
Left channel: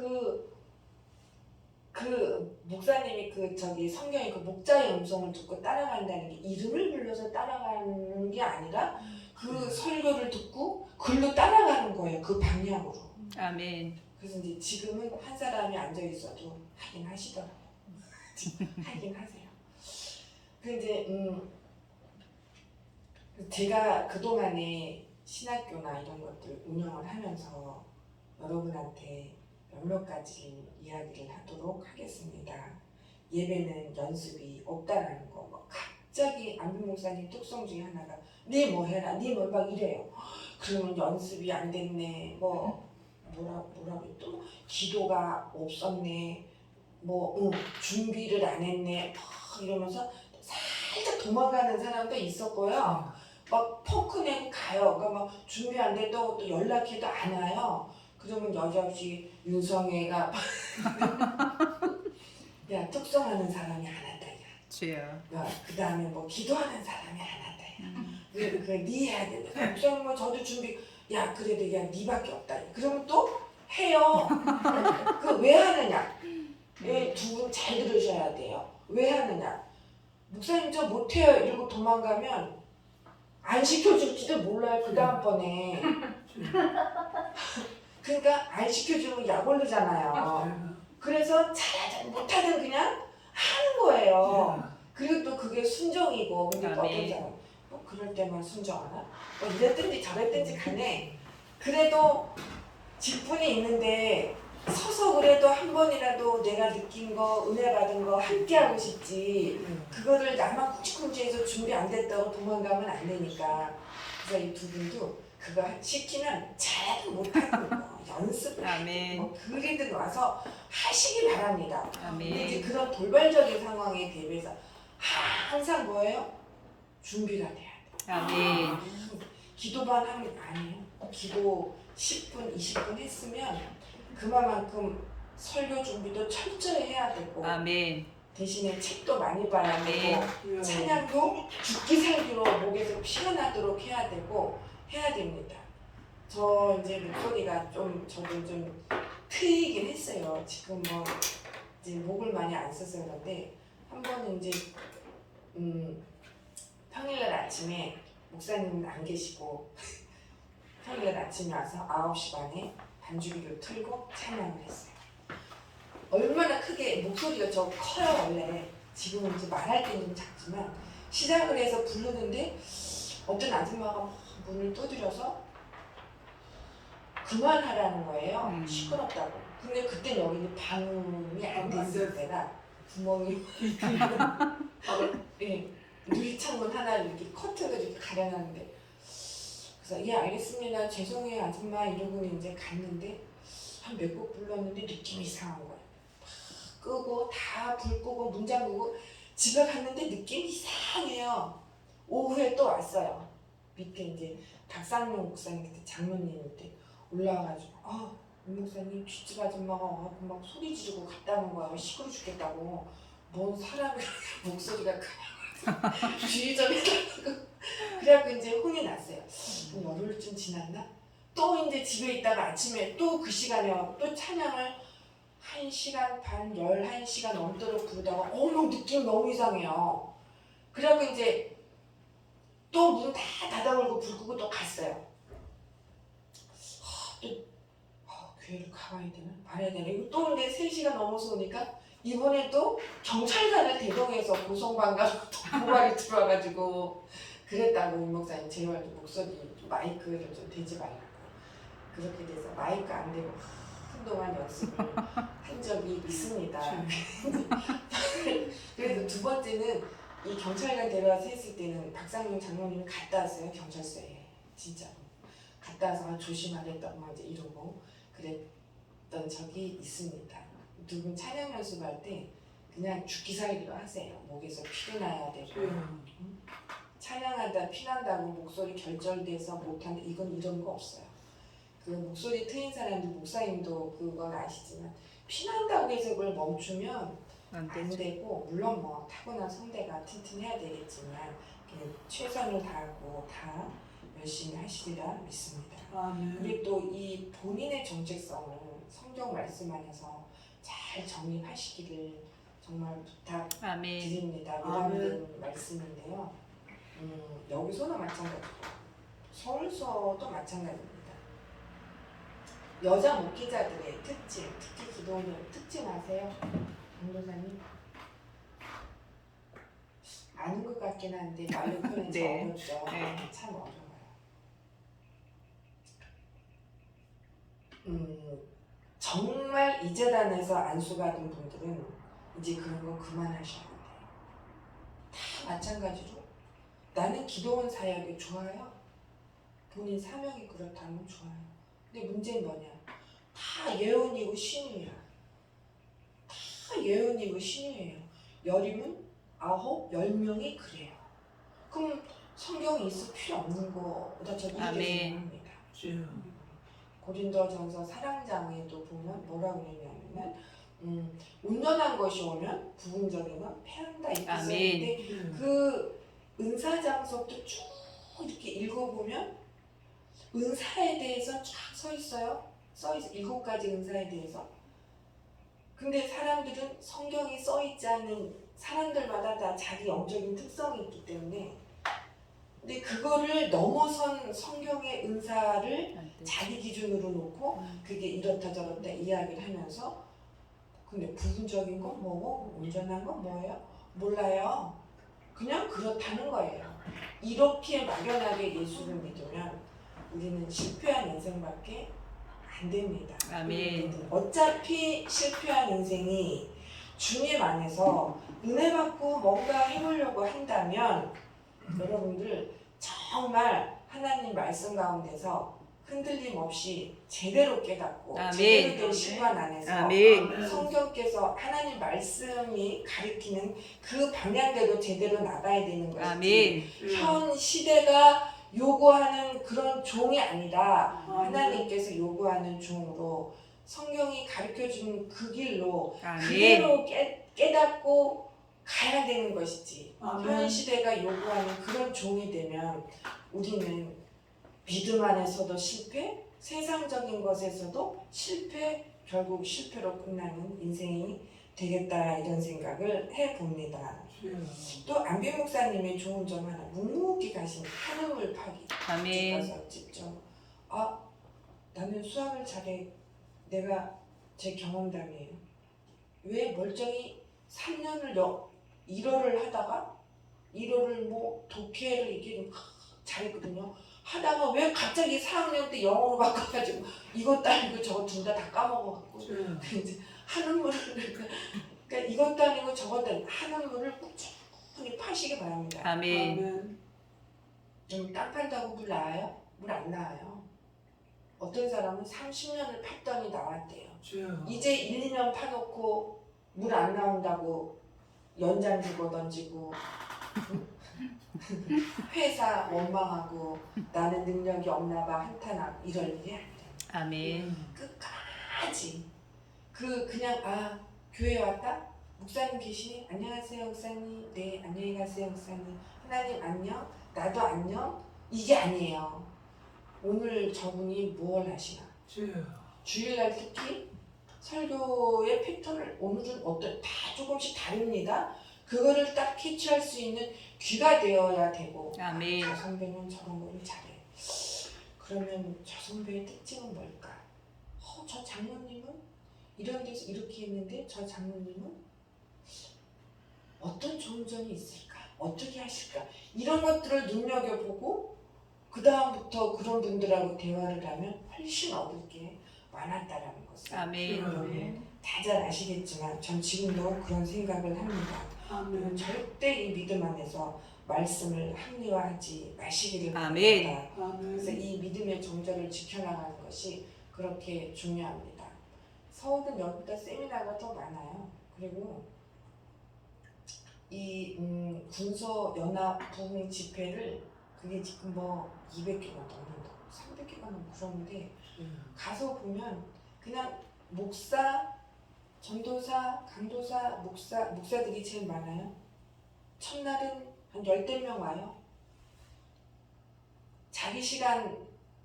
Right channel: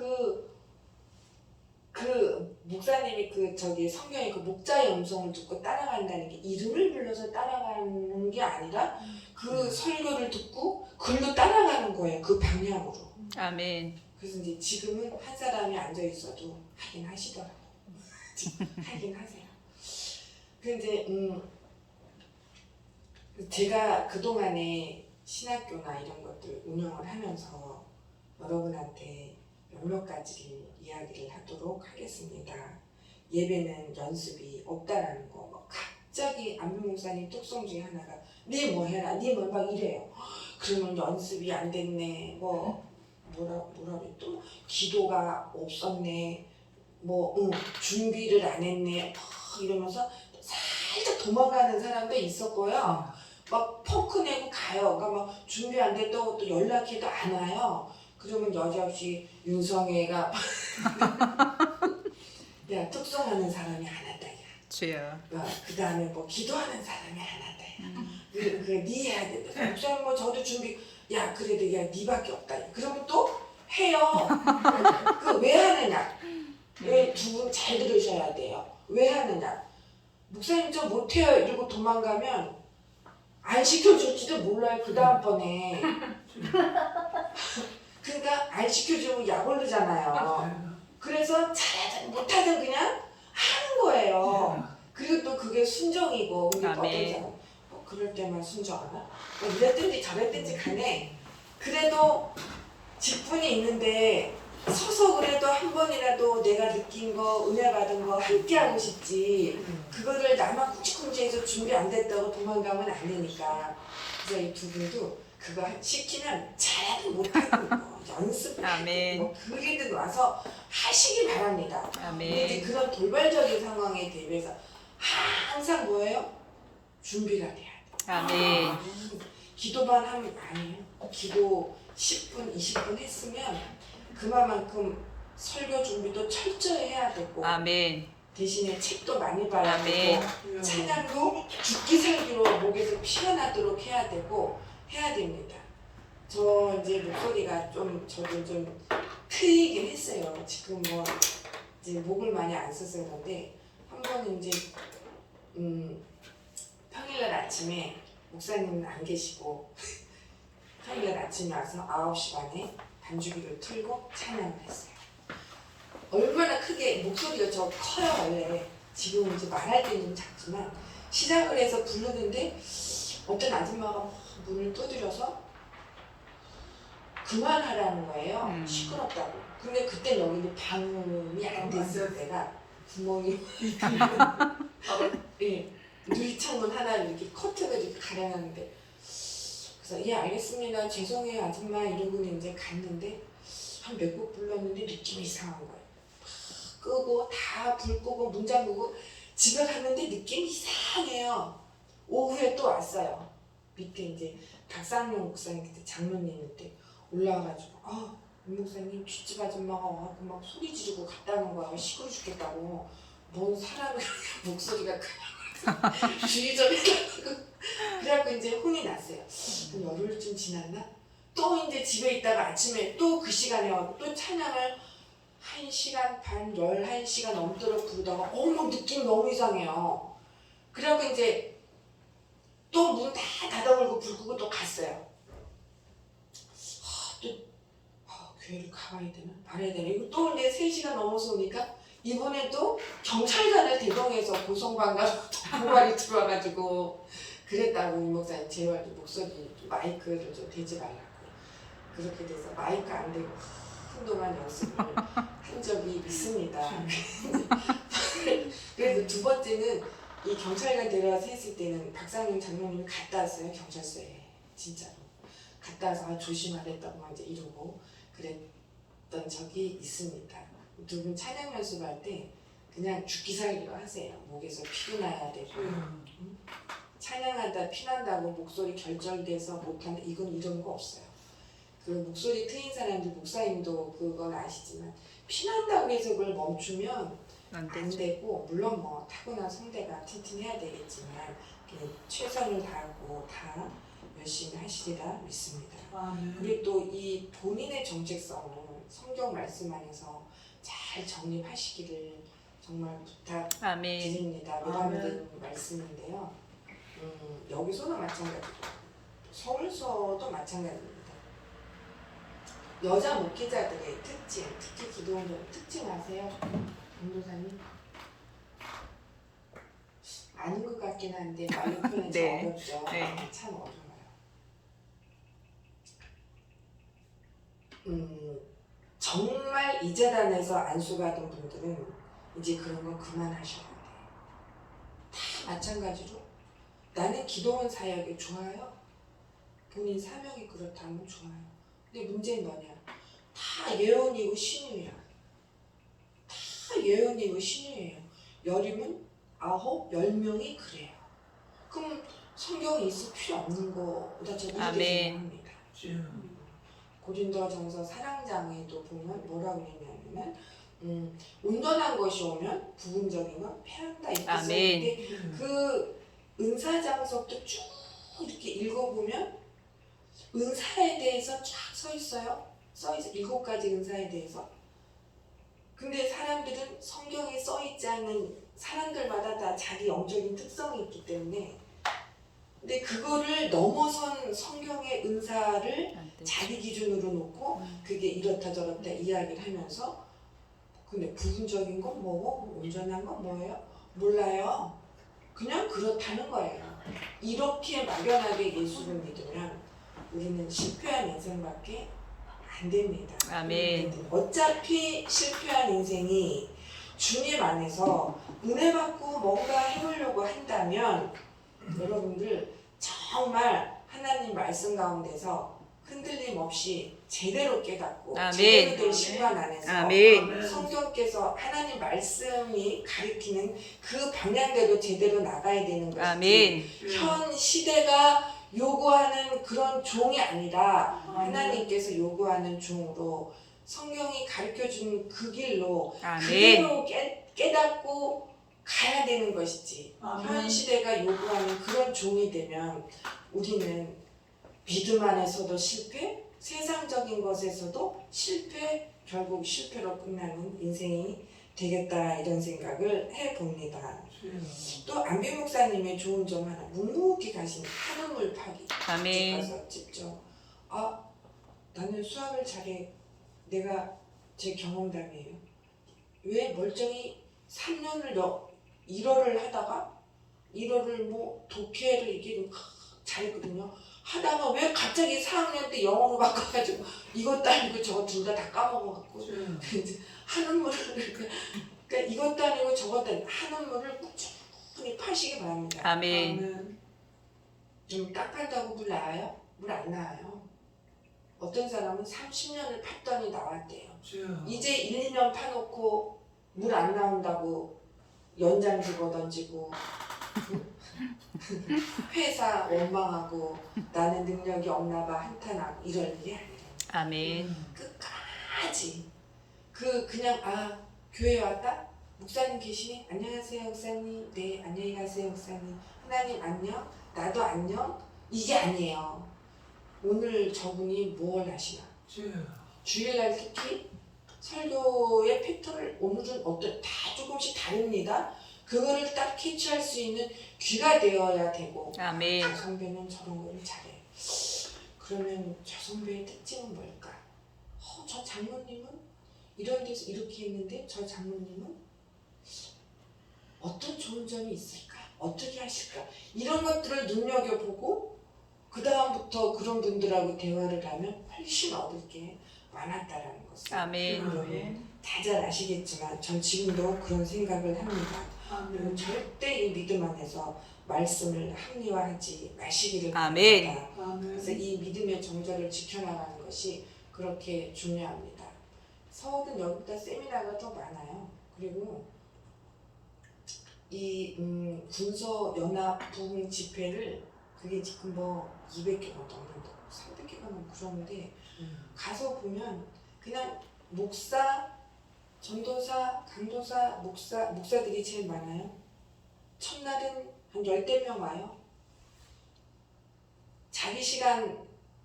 그 목사님이 그 저기 성경에 그 목자의 음성을 듣고 따라간다는 게 이름을 불러서 따라가는 게 아니라 그 설교를 듣고 글로 따라가는 거예요. 그 방향으로. 아멘. 그래서 이제 지금은 한 사람이 앉아 있어도 하긴 하시더라고요. 하긴 하세요. 근데 제가 그동안에 신학교나 이런 것들 운영을 하면서 여러분한테 몇몇 가지를 이야기를 하도록 하겠습니다. 예배는 연습이 없다라는 거. 뭐 갑자기 안빈 목사님 특성 중에 하나가 네 뭐 해라, 네 뭐 막 이래요. 그러면 연습이 안 됐네. 뭐라 그랬또 기도가 없었네. 준비를 안 했네. 이러면서 살짝 도망가는 사람도 있었고요. 막 포크 내고 가요. 그러니까 막 준비 안 됐다고 또 연락해도 안 와요. 그러면 여지없이 윤성애가 야 특성하는 사람이 안 한다. 야. 주여. 그 다음에 뭐 기도하는 사람이 안 한다. 네 해야 된다. 목사님 뭐 저도 준비. 야 그래도 야 니밖에 없다. 그러면 또 해요. 그 왜 하느냐? 왜 두 분 잘 들으셔야 돼요. 왜 하느냐? 목사님 저 못해요. 이러고 도망가면 안 시켜줄지도 몰라요. 그 다음번에 그러니까 안 시켜주면 약 오르잖아요. 그래서 잘하든 못하든 그냥 하는 거예요. 그리고 또 그게 순정이고, 근데 또 어떤 아멘. 사람 그럴 때만 순정하나? 이랬든지 저랬든지 간에 그래도 직분이 있는데 서서 그래도 한 번이라도 내가 느낀 거, 은혜 받은 거 함께 하고 싶지. 그거를 나만 쿵치쿵치해서 준비 안 됐다고 도망가면 안 되니까. 그래서 이 두 분도 그거 시키면 잘하든 못하든 연습을 아멘. 뭐 그리든 와서 하시기 바랍니다. 근데 이제 아멘. 그런 돌발적인 상황에 대비해서 항상 뭐예요? 준비가 돼야 돼. 아멘. 기도만 하면 아니에요. 기도 10분, 20분 했으면 그만큼 설교 준비도 철저히 해야 되고 아멘. 대신에 책도 많이 봐야 아멘. 되고 찬양도 죽기 살기로 목에서 피가 나도록 해야 되고 해야 됩니다. 저 이제 목소리가 좀 저도 좀 트이긴 했어요. 지금 뭐 이제 목을 많이 안 써서 그런데 한 번은 이제 평일날 아침에 목사님은 안 계시고 평일날 아침에 와서 9시 반에 반주기를 틀고 찬양을 했어요. 얼마나 크게 목소리가 저 커요 원래. 지금 이제 말할 때는 좀 작지만 시작을 해서 부르는데 어떤 아줌마가 문을 두드려서 그만하라는 거예요. 시끄럽다고. 근데 그때 여기는 방음이 안 됐을 때가 구멍이 예, 유리창문 하나를 이렇게 커튼을 이렇게 가려놨는데 그래서 예 알겠습니다 죄송해요 아줌마 이러고는 이제 갔는데 한 몇 곡 불렀는데 느낌이 이상한 거예요. 끄고 다 불 끄고 문 잠그고 집에 갔는데 느낌이 이상해요. 오후에 또 왔어요. 밑에 이제 박상용 목사님 그때 장로님인데 올라와가지고 이 목사님 뒷집 아줌마가 와갖고 막 소리 지르고 갔다는 거예요. 시끄러 죽겠다고. 뭔 사람이 목소리가 주의 좀 해달라고. 그래갖고 이제 혼이 났어요. 그럼 열흘쯤 지났나? 또 이제 집에 있다가 아침에 또 그 시간에 와서 또 찬양을 1시간 반, 11시간 넘도록 부르다가 어머 느낌 너무 이상해요. 그래갖고 이제 또 문 다 닫아버리고 불 끄고 또 갔어요. 교회를 가봐야 되나? 말해야 되나? 이거 또 이제 3시간 넘어서 오니까 이번에도 경찰관을 대동해서 고성방가로 고발이 들어와가지고 그랬다고 이 목사님 제발 목소리 마이크를 좀 대지 말라고. 그렇게 돼서 마이크 안 대고 한동안 연습을 한 적이 있습니다. 그래서 두 번째는 이 경찰관 데려와서 했을 때는 박상용 장로님이 갔다 왔어요. 경찰서에 진짜로 갔다 와서 조심하랬다고 막 이제 이러고 그랬던 적이 있습니다. 두 분 찬양 연습할 때 그냥 죽기 살기로 하세요. 목에서 피도 나야 되고 찬양하다 피난다고 목소리 결절돼서 못한다 이건 이런 거 없어요. 그 목소리 트인 사람들 목사님도 그건 아시지만 피난다고 해서 그걸 멈추면 안 되고 물론 뭐 타고난 성대가 튼튼해야 되겠지만 최선을 다하고 다 열심히 하시리라 믿습니다. 그리고 또 이 본인의 정체성을 성경 말씀 안에서 잘 정립하시기를 정말 부탁드립니다. 위감된 말씀인데요. 여기서는 마찬가지고 서울서도 마찬가지입니다. 여자 목회자들의 특징, 특히 기도원들 특징 아세요? 강도사님? 아는 것 같긴 한데 말로 표현이 네. 어렵죠. 네. 참 어려워요. 정말 이 재단에서 안수 받은 분들은 이제 그런 거 그만하셔야 돼요. 다 마찬가지로 나는 기도원 사역이 좋아요. 본인 사명이 그렇다면 좋아요. 근데 문제는 뭐냐? 다 예언이고 신유야. 다 예언이고 신유예요. 10이면 9, 10명이 그래요. 그럼 성경이 있을 필요 없는 거보다 저 아멘. 합니다. 고린도전서 4장에도 보면 뭐라고 했냐면 온전한 것이 오면 부분적인 건 패한다 이렇게 써있는데 그 은사장석도 쭉 이렇게 읽어보면 은사에 대해서 쫙 써있어요. 써있어 7가지 은사에 대해서. 근데 사람들은 성경에 써있지 않는 사람들마다 다 자기 영적인 특성이 있기 때문에 근데 그거를 넘어선 성경의 은사를 안 돼. 자기 기준으로 놓고 그게 이렇다 저렇다 이야기를 하면서 근데 부분적인 건 뭐고 온전한 건 뭐예요? 몰라요. 그냥 그렇다는 거예요. 이렇게 막연하게 예수를 믿으면 우리는 실패한 인생밖에 안 됩니다. 아멘. 어차피 실패한 인생이 주님 안에서 은혜 받고 뭔가 해보려고 한다면 여러분들 정말 하나님 말씀 가운데서 흔들림 없이 제대로 깨닫고 아멘. 제대로 된 시간 안에서 아멘. 성경께서 하나님 말씀이 가리키는 그 방향대로 제대로 나가야 되는 것이지 아멘. 현 시대가 요구하는 그런 종이 아니라 하나님께서 요구하는 종으로 성경이 가르쳐주는 그 길로 아멘. 그대로 깨닫고 가야 되는 것이지 아멘. 현 시대가 요구하는 그런 종이 되면 우리는 믿음 안에서도 실패, 세상적인 것에서도 실패, 결국 실패로 끝나는 인생이 되겠다 이런 생각을 해봅니다. 또 안비 목사님의 좋은 점 하나 묵묵히 가신 한우물 파기 아멘. 가서 직접 나는 수학을 잘해 내가 제 경험담이에요. 왜 멀쩡히 3년을 1어를 하다가 1어를 뭐 독해를 이게 잘했거든요. 하다가 왜 갑자기 4학년 때 영어로 바꿔가지고 이것도 아니고 저거 둘 다 까먹어갖고 이제 한우물을 그러니까 이것도 아니고 저것도 아니고 한우물을 꾸준히 파시기 바랍니다. 아멘. 좀 땅 팔다고 물 나와요? 물 안 나와요. 어떤 사람은 30년을 팠더니 나왔대요. 이제 1, 2년 파놓고 물 안 나온다고 연장 집어 던지고 회사 원망하고 나는 능력이 없나 봐 한탄하고 이럴 일이 아니에요. 아멘. 끝까지 그냥 교회 왔다? 목사님 계시니? 안녕하세요 목사님. 네 안녕히 가세요 목사님. 하나님 안녕? 나도 안녕? 이게 아니에요. 오늘 저분이 무엇을 하시나? 주일날 특히 설교의 패턴을 오늘은 다 조금씩 다릅니다. 그거를 딱 캐치할 수 있는 귀가 되어야 되고 아멘. 저 선배는 저런 거를 잘해. 그러면 저 선배의 특징은 뭘까? 저 장모님은 이런 데서 이렇게 했는데 저 장모님은 어떤 좋은 점이 있을까? 어떻게 하실까? 이런 것들을 눈여겨보고 그 다음부터 그런 분들하고 대화를 하면 훨씬 얻을 게 많았다라는 것을 아멘. 다잘 아시겠지만 전 지금도 그런 생각을 합니다. 그리고 절대 이 믿음 안에서 말씀을 합리화하지 마시기를 아멘. 바랍니다. 그래서 이 믿음의 정절을 지켜나가는 것이 그렇게 중요합니다. 서울은 여기보다 세미나가 더 많아요. 그리고 이 군서 연합 부흥 집회를 그게 지금 뭐 200개가 넘는다, 300개가 넘고 그러는데 가서 보면 그냥 목사, 전도사, 강도사, 목사들이 제일 많아요. 첫날은 한 10명 와요. 자기 시간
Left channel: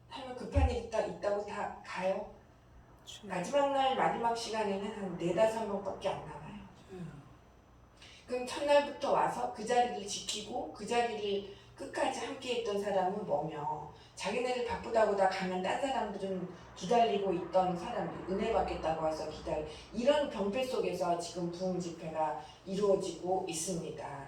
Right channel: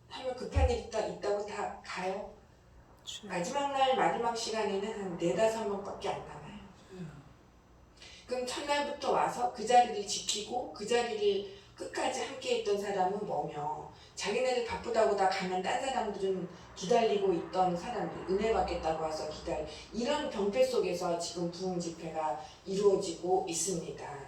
하면 급한 일 있다고 다 가요. 마지막 날 마지막 시간에는 한 4-5명밖에 안 남아요. 그럼 첫날부터 와서 그 자리를 지키고 그 자리를 끝까지 함께 했던 사람은 뭐며 자기네들 바쁘다고 다 가면 딴 사람들은 기다리고 있던 사람들 은혜 받겠다고 와서 이런 병폐 속에서 지금 부흥 집회가 이루어지고 있습니다.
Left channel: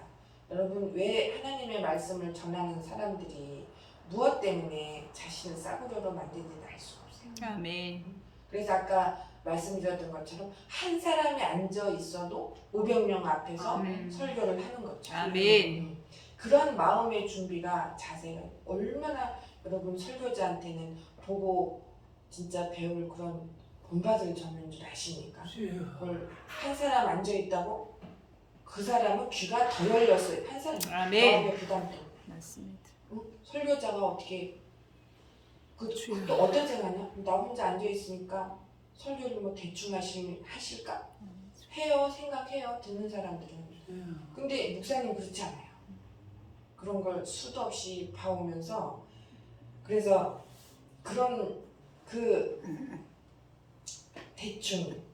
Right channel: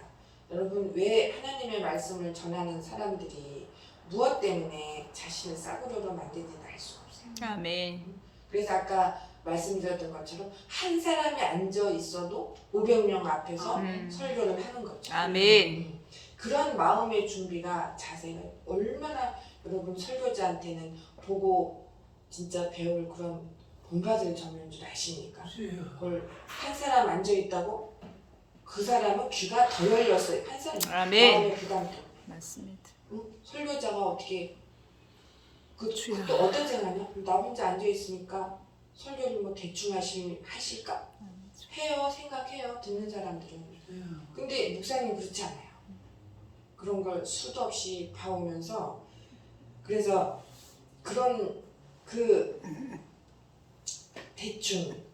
여러분 왜 하나님의 말씀을 전하는 사람들이 무엇 때문에 자신을 싸구려로 만드는지는 알 수 없어요. 아멘. 그래서 아까 말씀드렸던 것처럼 한 사람이 앉아 있어도 500명 앞에서 설교를 하는 거죠. 아멘. 그런 마음의 준비가 자세는 얼마나 여러분 설교자한테는 보고 진짜 배울 그런 본받을 점인 줄 아시니까. 그걸 한 사람 앉아 있다고 그 사람은 귀가 더 열렸어요. 한 사람 아멘. 마음의 부담 때문에. 맞습니다. 설교자가 어떻게 주여. 또 어떤 생각이냐? 나 혼자 앉아 있으니까 설교를 뭐 대충 하실까? 해요, 생각해요. 듣는 사람들은. 근데 목사님 그렇지 않아요. 그런 걸 수도 없이 봐오면서 그래서 그런 대충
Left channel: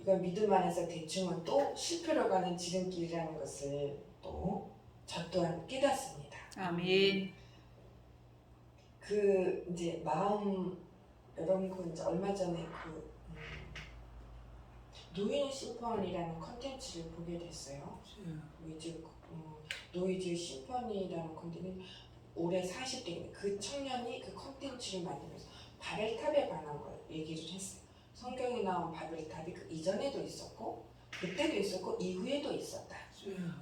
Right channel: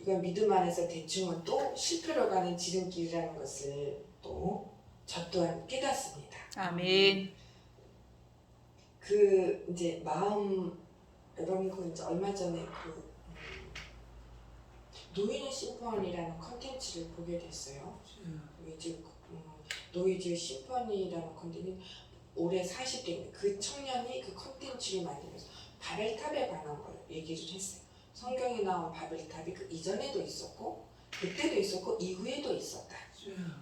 이건 믿음 안에서 대충은 또 실패로 가는 지름길이라는 것을 또 저 또한 깨닫습니다. 아멘. 그 이제 마음 여러분 그 이제 얼마 전에 노이즈 심포니라는 컨텐츠를 보게 됐어요. 노이즈 심포니라는 컨텐츠 올해 40대 그 청년이 그 컨텐츠를 만들면서 바벨탑에 관한 걸 얘기를 했어요. 성경에 나온 바벨탑이 그 이전에도 있었고 그때도 있었고 이후에도 있었다.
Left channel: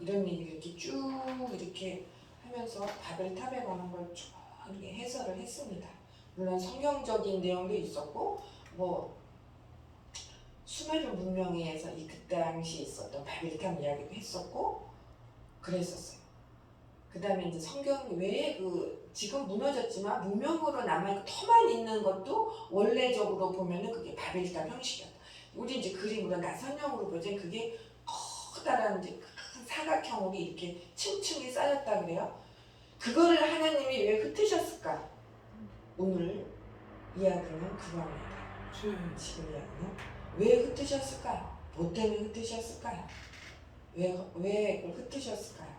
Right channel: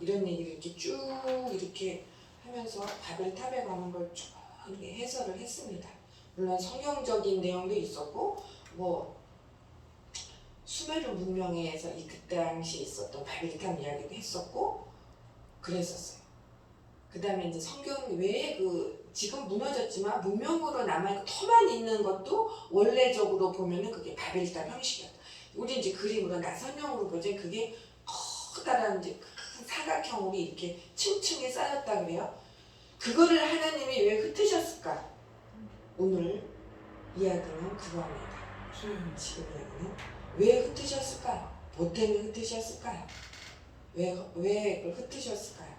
이런 얘기를 이렇게 쭉 이렇게 하면서 바벨탑에 관한 걸 쭉 이렇게 해설을 했습니다. 물론 성경적인 내용도 있었고 뭐 수메르 문명에서 이 그때 당시에 있었던 바벨탑 이야기도 했었고 그랬었어요. 그 다음에 이제 성경 외에 그 지금 무너졌지만 문명으로 남아있고 터만 있는 것도 원래적으로 보면은 그게 바벨탑 형식이었다. 우리 이제 그림으로 나선형으로 보자 그게 커다란 이제 큰 사각형으로 이렇게 층층이 쌓였다 그래요. 그거를 하나님이 왜 흩으셨을까? 오늘 이야기는 그겁니다. 지금 이야기는 왜 흩으셨을까요? 뭐 때문에 흩으셨을까요? 왜 그걸 흩으셨을까요?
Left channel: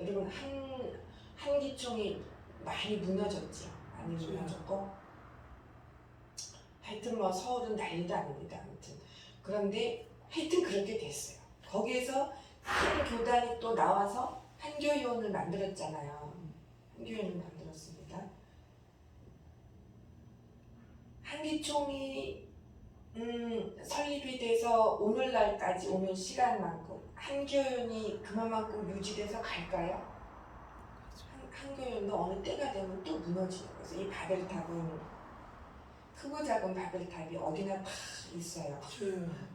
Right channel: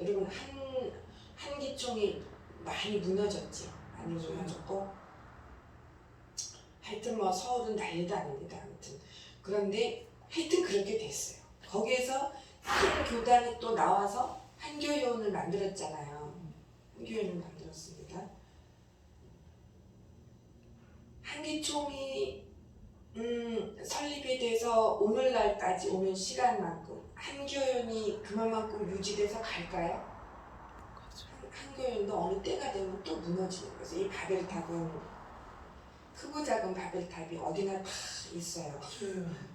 여러분 한 기종이 많이 무너졌죠. 많이 무너졌고 하여튼 뭐 서울은 난리도 아닙니다. 아무튼 그런데 하여튼 그렇게 됐어요. 거기에서 큰 교단이 또 나와서 한교연을 만들었잖아요. 한교연을 만들었습니다. 한기총이 설립이 돼서 오늘날까지 오는 시간만큼 한교연이 그만큼 유지돼서 갈까요? 한교연도 어느 때가 되면 또 무너지는 거죠. 이 바벨탑은 크고 작은 바벨탑이 어디나 다 있어요.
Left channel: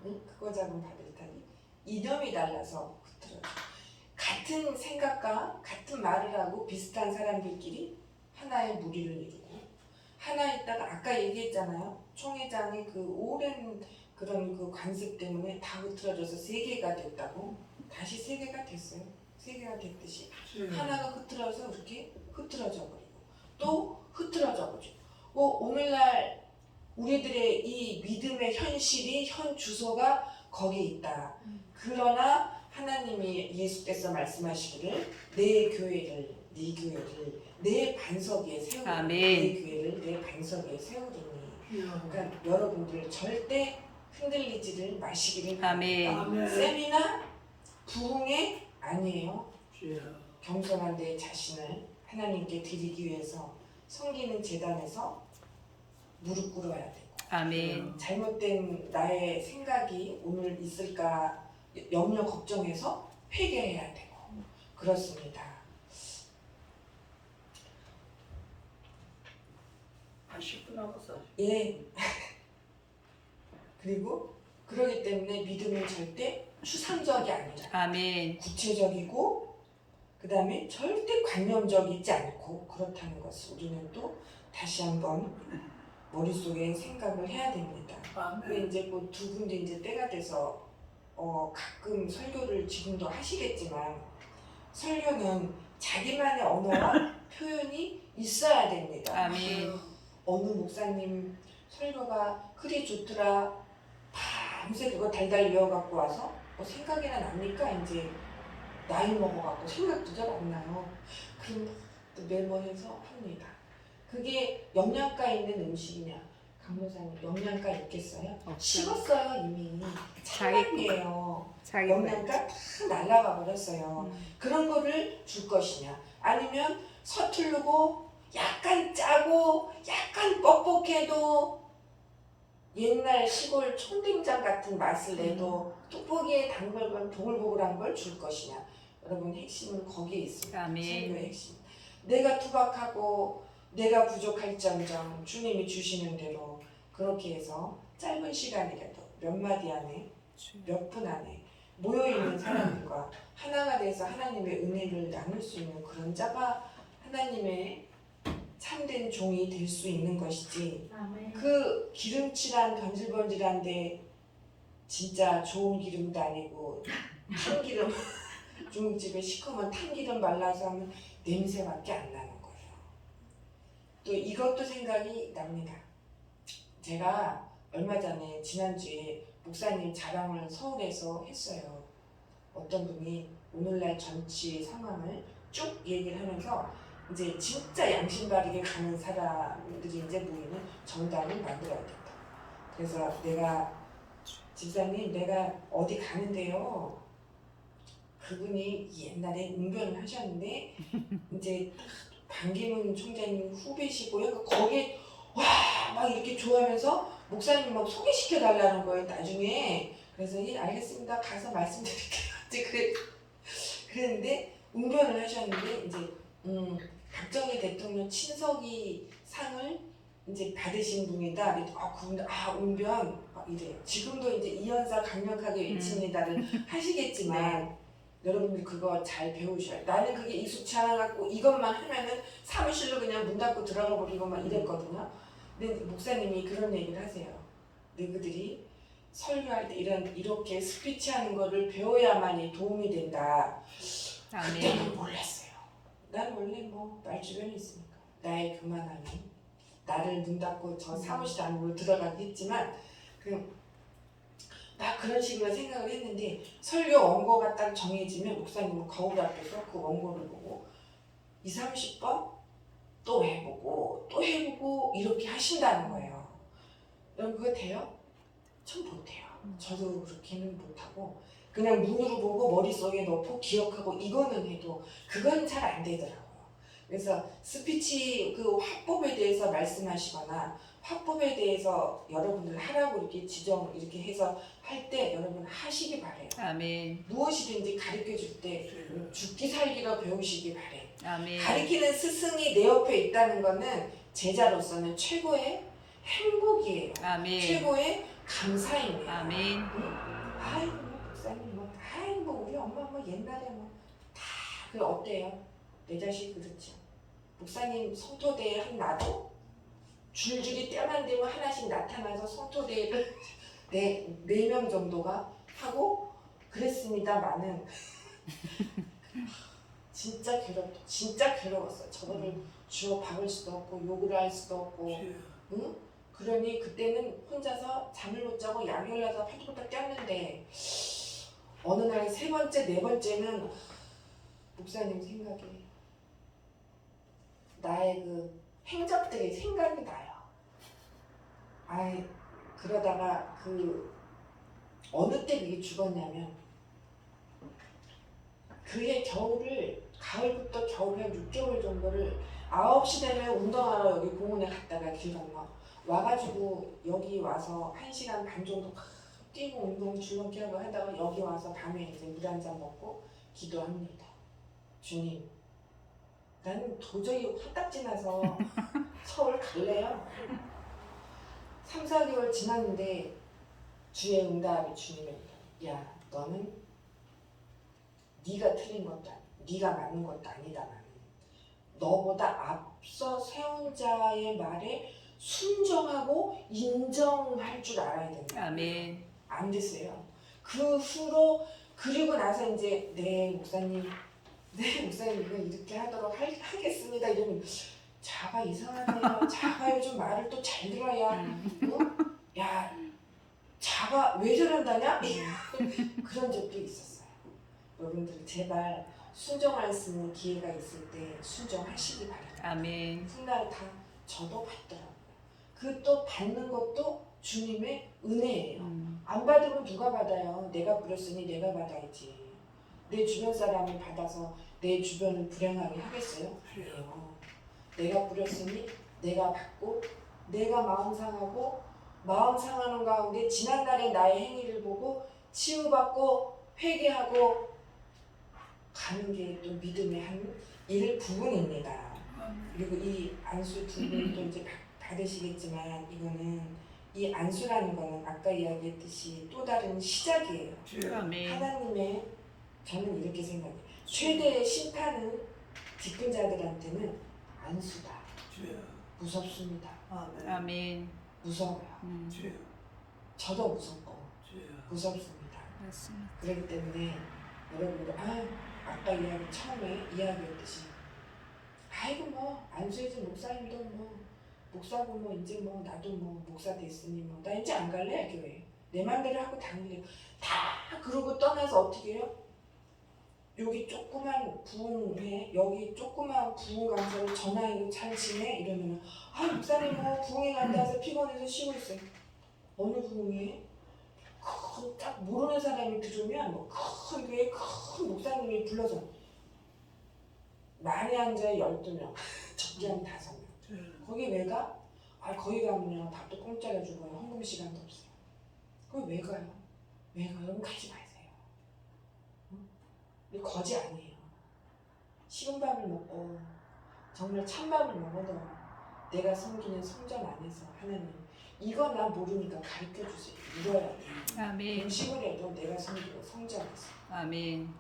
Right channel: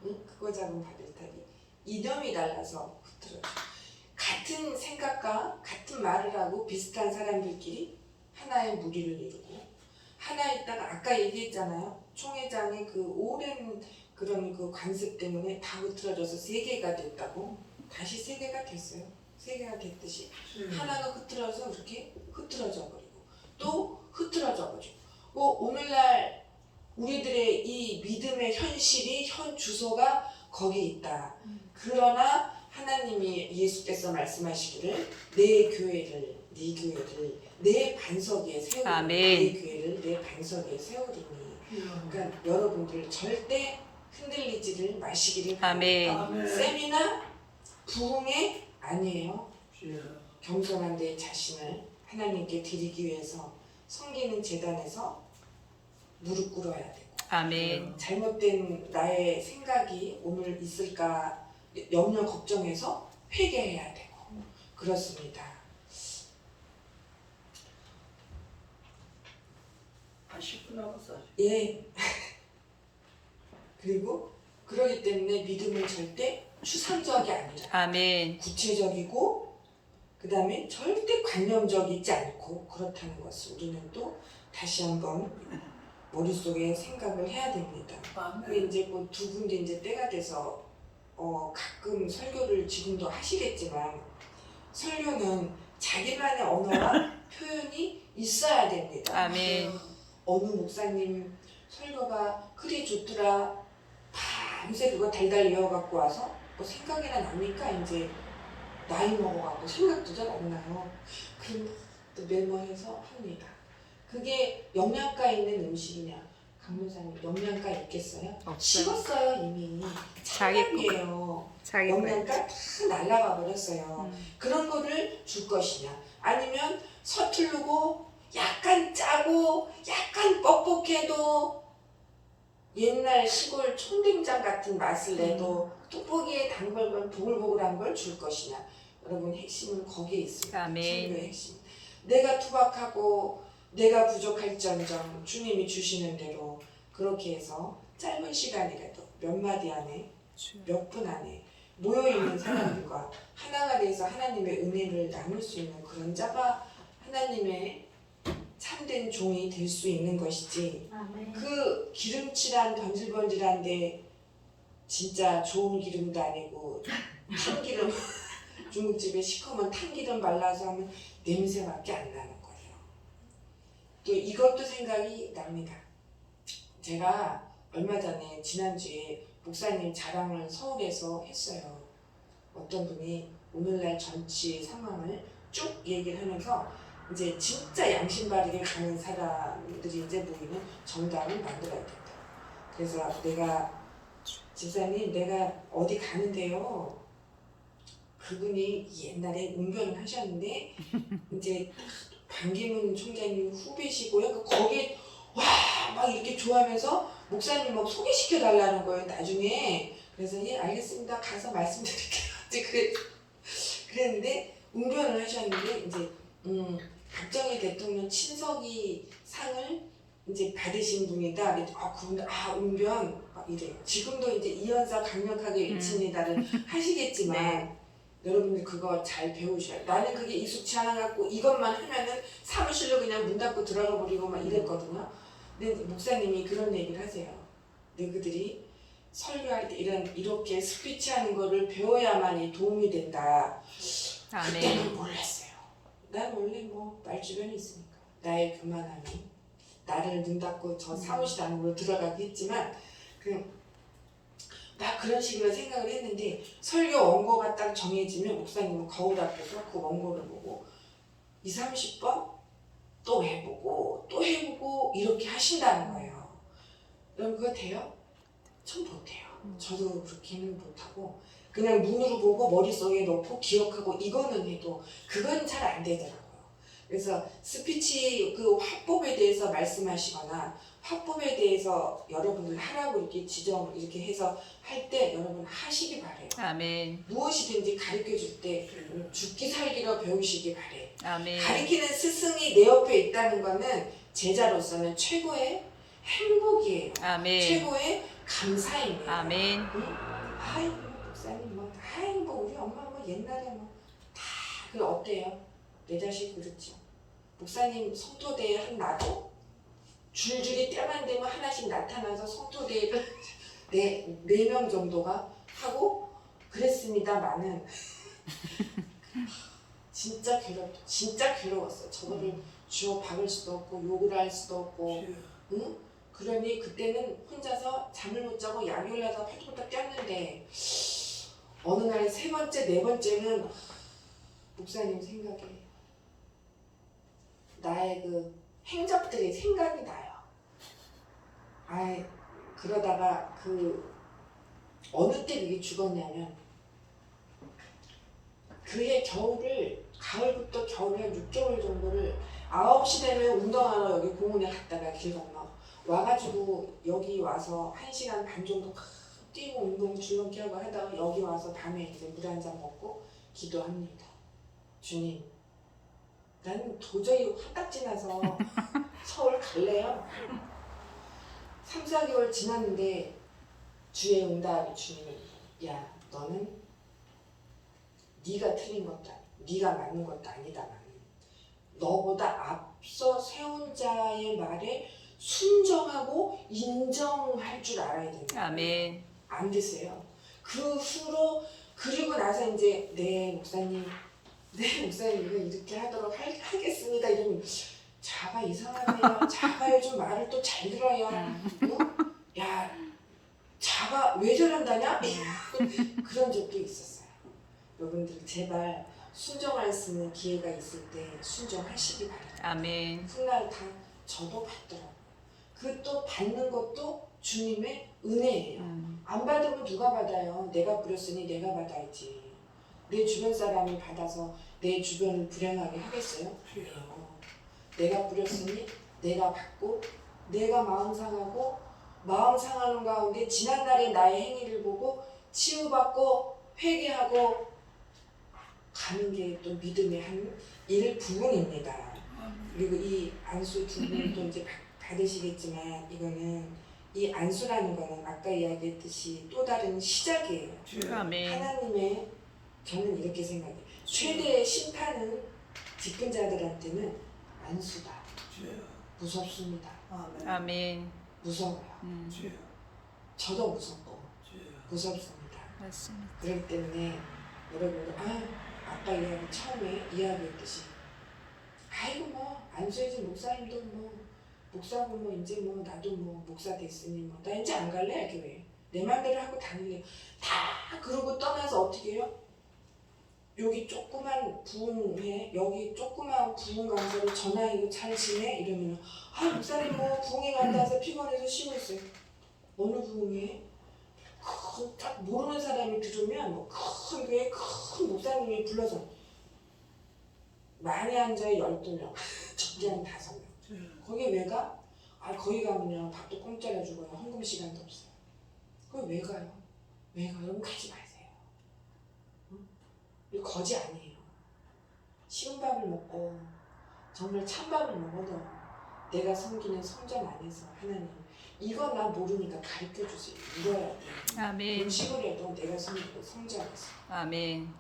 크고 작은 바벨탑이 이념이 달라서 흐트러져. 같은 생각과 같은 말을 하고 비슷한 사람들끼리 하나의 무리를 이루고 하나 있다가 아까 얘기했잖아요. 총회장의 그 오랜 그런 그 관습 때문에 다 흐트러져서 세 개가 됐다고. 다시 세 개가 됐어요. 세 개가 됐듯이 하나가 흐트러져서 이렇게 흐트러져 버리고 또 흐트러져 버리고 오늘날 우리들의 이 믿음의 현실이 현 주소가 거기 있다. 그러나 하나님이 예수께서 말씀하시기를 내 교회를 네 교회를 내 반석 위에 세우리니 아멘. 내 교회를 내 반석 위에 세우리니 그러니까 여러분들 절대 흔들리지를 마시기를 아멘. 세미나 부흥에 아니에요. 겸손한 내 자신을 하나님께 드리기 위해서 섬기는 제단에서 무릎 꿇어야 되고 아멘. 잘못된 나의 생각이 오늘 있을까 염려 걱정해서 회개해야 되고 그렇습니다. 한 10분 남았어. 예. 그리고 그러기 때문에 믿음은 절대 추상적이 아니라 아멘. 구체적이고 그 다음에 절대 관념적이지 않고 그렇다는 것을 우리는 또 다시 한번 머릿속에 생각을 해야 됩니다. 근데 이제 뭐 두 분도 이제 때가 돼서 가끔 설교를 지금도 하시겠지만 설교는 자기만의 언어와 표현이 있어야 됩니다. 아멘. 어느 목사님 설교가 그리 좋더라 밤새 그거 달달 외워갖고 와서 뭐 생각이나 납니까? 이제 나이 먹어갖고 생각도 잘 안 나요. 그럼 또 메모해서 합니다. 그게 영양가 있는 음식이냐? 강도사님 영양가 있겠어요? 없어요. 식었어요 이미. 자기 차갑이에요. 자기 영양가 다 날아가 버렸어요. 그런 거를 줄 것이냐? 아니면 서투르고 약간 짜고 약간 뻑뻑해도 옛날 시골 청된장 같은 맛을 내도 뚝보기에 담글건 보글보글한 걸 줄 것이냐? 여러분 핵심은 거기에 있습니다. 아멘. 설교의 핵심. 내가 투박하고 내가 부족할지언정 주님이 주시는 대로 그렇게 해서 짧은 시간이라도 몇 마디 안에 몇 분 안에 모여있는 사람들과 하나가 돼서 하나님의 은혜를 나눌 수 있는 그런 자가 하나님의 참된 종이 될 수 있는 것이지 그 기름칠한 번질번질한데 진짜 좋은 기름도 아니고 참기름 중국집에 시커먼 탕기름 발라서 하면 냄새밖에 안 나는 거예요. 또 이것도 생각이 납니다. 제가 얼마 전에 지난주에 목사님 자랑을 서울에서 했어요. 어떤 분이 오늘날 정치 상황을 쭉 얘기를 하면서 이제 진짜 양심 바르게 가는 사람들이 이제 모이는 정당을 만들어야 된다. 그래서 내가 집사님 내가 어디 가는데요. 그분이 옛날에 웅변을 하셨는데 이제 반기문 총장님 후배시고요. 거기에 와 막 이렇게 좋아하면서 목사님 막 소개시켜 달라는 거예요. 나중에 그래서 예 알겠습니다. 가서 말씀드릴게요. 이제 그랬는데 웅변을 하셨는데 이제 박정희 대통령 친서기 상을 이제 받으신 분이다. 그분 웅변 이래요. 지금도 이제 이현사 강력하게 외칩니다를 하시겠지만 여러분들 그거 잘 배우셔야. 나는 그게 익숙치 않아갖고 이것만 하면은 사무실로 그냥 문 닫고 들어가 버리고 막 이랬거든요. 근데 목사님이 그런 얘기를 하세요. 너희들이 설교할 때 이렇게 스피치하는 거를 배워야만이 도움이 된다. 그때는 몰랐어요. 난 원래 뭐 말주변에 있으니까 나의 교만함이 나를 문 닫고 저 사무실 안으로 들어가게 했지만 막 그런 식으로 생각을 했는데 설교 원고가 딱 정해지면 목사님은 거울 앞에서 그 원고를 보고 20, 30번 또 해보고 또 해보고 이렇게 하신다는 거예요. 여러분 그거 돼요? 전 못해요. 저도 그렇게는 못하고 그냥 눈으로 보고 머릿속에 넣고 기억하고 이거는 해도 그건 잘 안 되더라고요. 그래서 스피치 그 화법에 대해서 말씀하시거나 화법에 대해서 여러분들 하라고 이렇게 지정 이렇게 해서 할 때 여러분 하시기 바래요. 아멘. 무엇이든지 가르쳐 줄 때 죽기 살기로 배우시기 바래. 아멘. 가르치는 스승이 내 옆에 있다는 거는 제자로서는 최고의 행복이에요. 아멘. 최고의 감사입니다. 아멘. 아이고 목사님 아이고 우리 엄마 옛날에 다 어때요? 내 자식 그렇지. 목사님 성토대회 한 나도 줄줄이 때만 되면 하나씩 나타나서 성토대회를 네 명 정도가 하고 그랬습니다만은 진짜 괴로웠어. 저거를 주워 박을 수도 없고 욕을 할 수도 없고, 응? 그러니 그때는 혼자서 잠을 못 자고 약이 올라서 팔뚝팔뚝 뛰었는데 어느 날 세 번째, 네 번째는 목사님 생각에 나의 그 행적들이 생각이 나요. 그러다가 어느 때 그게 죽었냐면 그해 가을부터 겨울 한 6개월 정도를 9시 되면 운동하러 여기 공원에 갔다가 길 건너 와가지고 여기 와서 1시간 반 정도 뛰고 운동 줄넘기 하고 하다가 여기 와서 밤에 이제 물 한 잔 먹고 기도합니다. 주님, 나는 도저히 화딱지 나서 서울 갈래요. 3, 4개월 지났는데 주의 응답이 주님이 야 너는 네가 틀린 것도 아니고 네가 맞는 것도 아니다. 나는 너보다 앞서 세운 자의 말에 순종하고 인정할 줄 알아야 된다. 아멘. 안 되세요. 그 후로 그리고 나서 이제 네 목사님 이거 이렇게 하도록 하겠습니다. 이러면 자가 이상하네요. 자가 요즘 말을 또 잘 들어야 야 자가 왜 저런다냐? 그런 적도 있었어요. 여러분들 제발 순종할 수 있는 기회가 있을 때 순종하시기 바랍니다. 아멘. 훗날 다 저도 받더라고요. 그 또 받는 것도 주님의 은혜예요. 안 받으면 누가 받아요? 내가 부렸으니 내가 받아야지. 내 주변 사람이 받아서 내 주변을 불행하게 하겠어요? 내가 부렸으니 내가 받고 내가 마음 상하고 마음 상하는 가운데 지난날의 나의 행위를 보고 치유받고 회개하고 가는 게 또 믿음의 한 일부분입니다. 그리고 이 안수 두 분도 이제 받으시겠지만 이거는 이 안수라는 거는 아까 이야기했듯이 또 다른 시작이에요. 아멘. 하나님의 저는 이렇게 생각해요. 최대의 심판은 직분자들한테는 안수다. 무섭습니다. 아멘. 무서워요. 저도 무섭고 무섭습니다. 맞습니다. 그렇기 때문에 여러분들 아까 처음에 이야기했듯이 아이고 뭐 안수해준 목사님도 뭐 목사고 뭐 이제 뭐 나도 뭐 목사 됐으니 뭐 나 이제 안 갈래 교회 내 맘대로 하고 다닐래요. 다 그러고 떠나서 어떻게 해요? 여기 조그만 부흥회, 여기 조그만 부흥 강사를 전화해도 잘 지내? 이러면 아 목사님 뭐 부흥회 갔다 와서 피곤해서 쉬고 있어요. 어느 부흥회? 딱 모르는 사람이 들으면 뭐큰 교회 큰 목사님이 불러서 많이 앉아야 12명, 적게 하면 5명. 거기 왜 가? 아 거기 가면요 밥도 공짜로 주고요 헌금 시간도 없어요. 거기 왜 가요? 왜 가요? 그럼 가지 마세요. 응? 이거 거지 아니에요. 쉬운 밥을 먹고 정말 찬밥을 먹어도 내가 섬기는 성전 안에서 하나님 이거 나 모르니까 가르쳐 주세요. 이거야 돼. 아멘. 음식을 해도 내가 섬기는 성전에서. 아멘.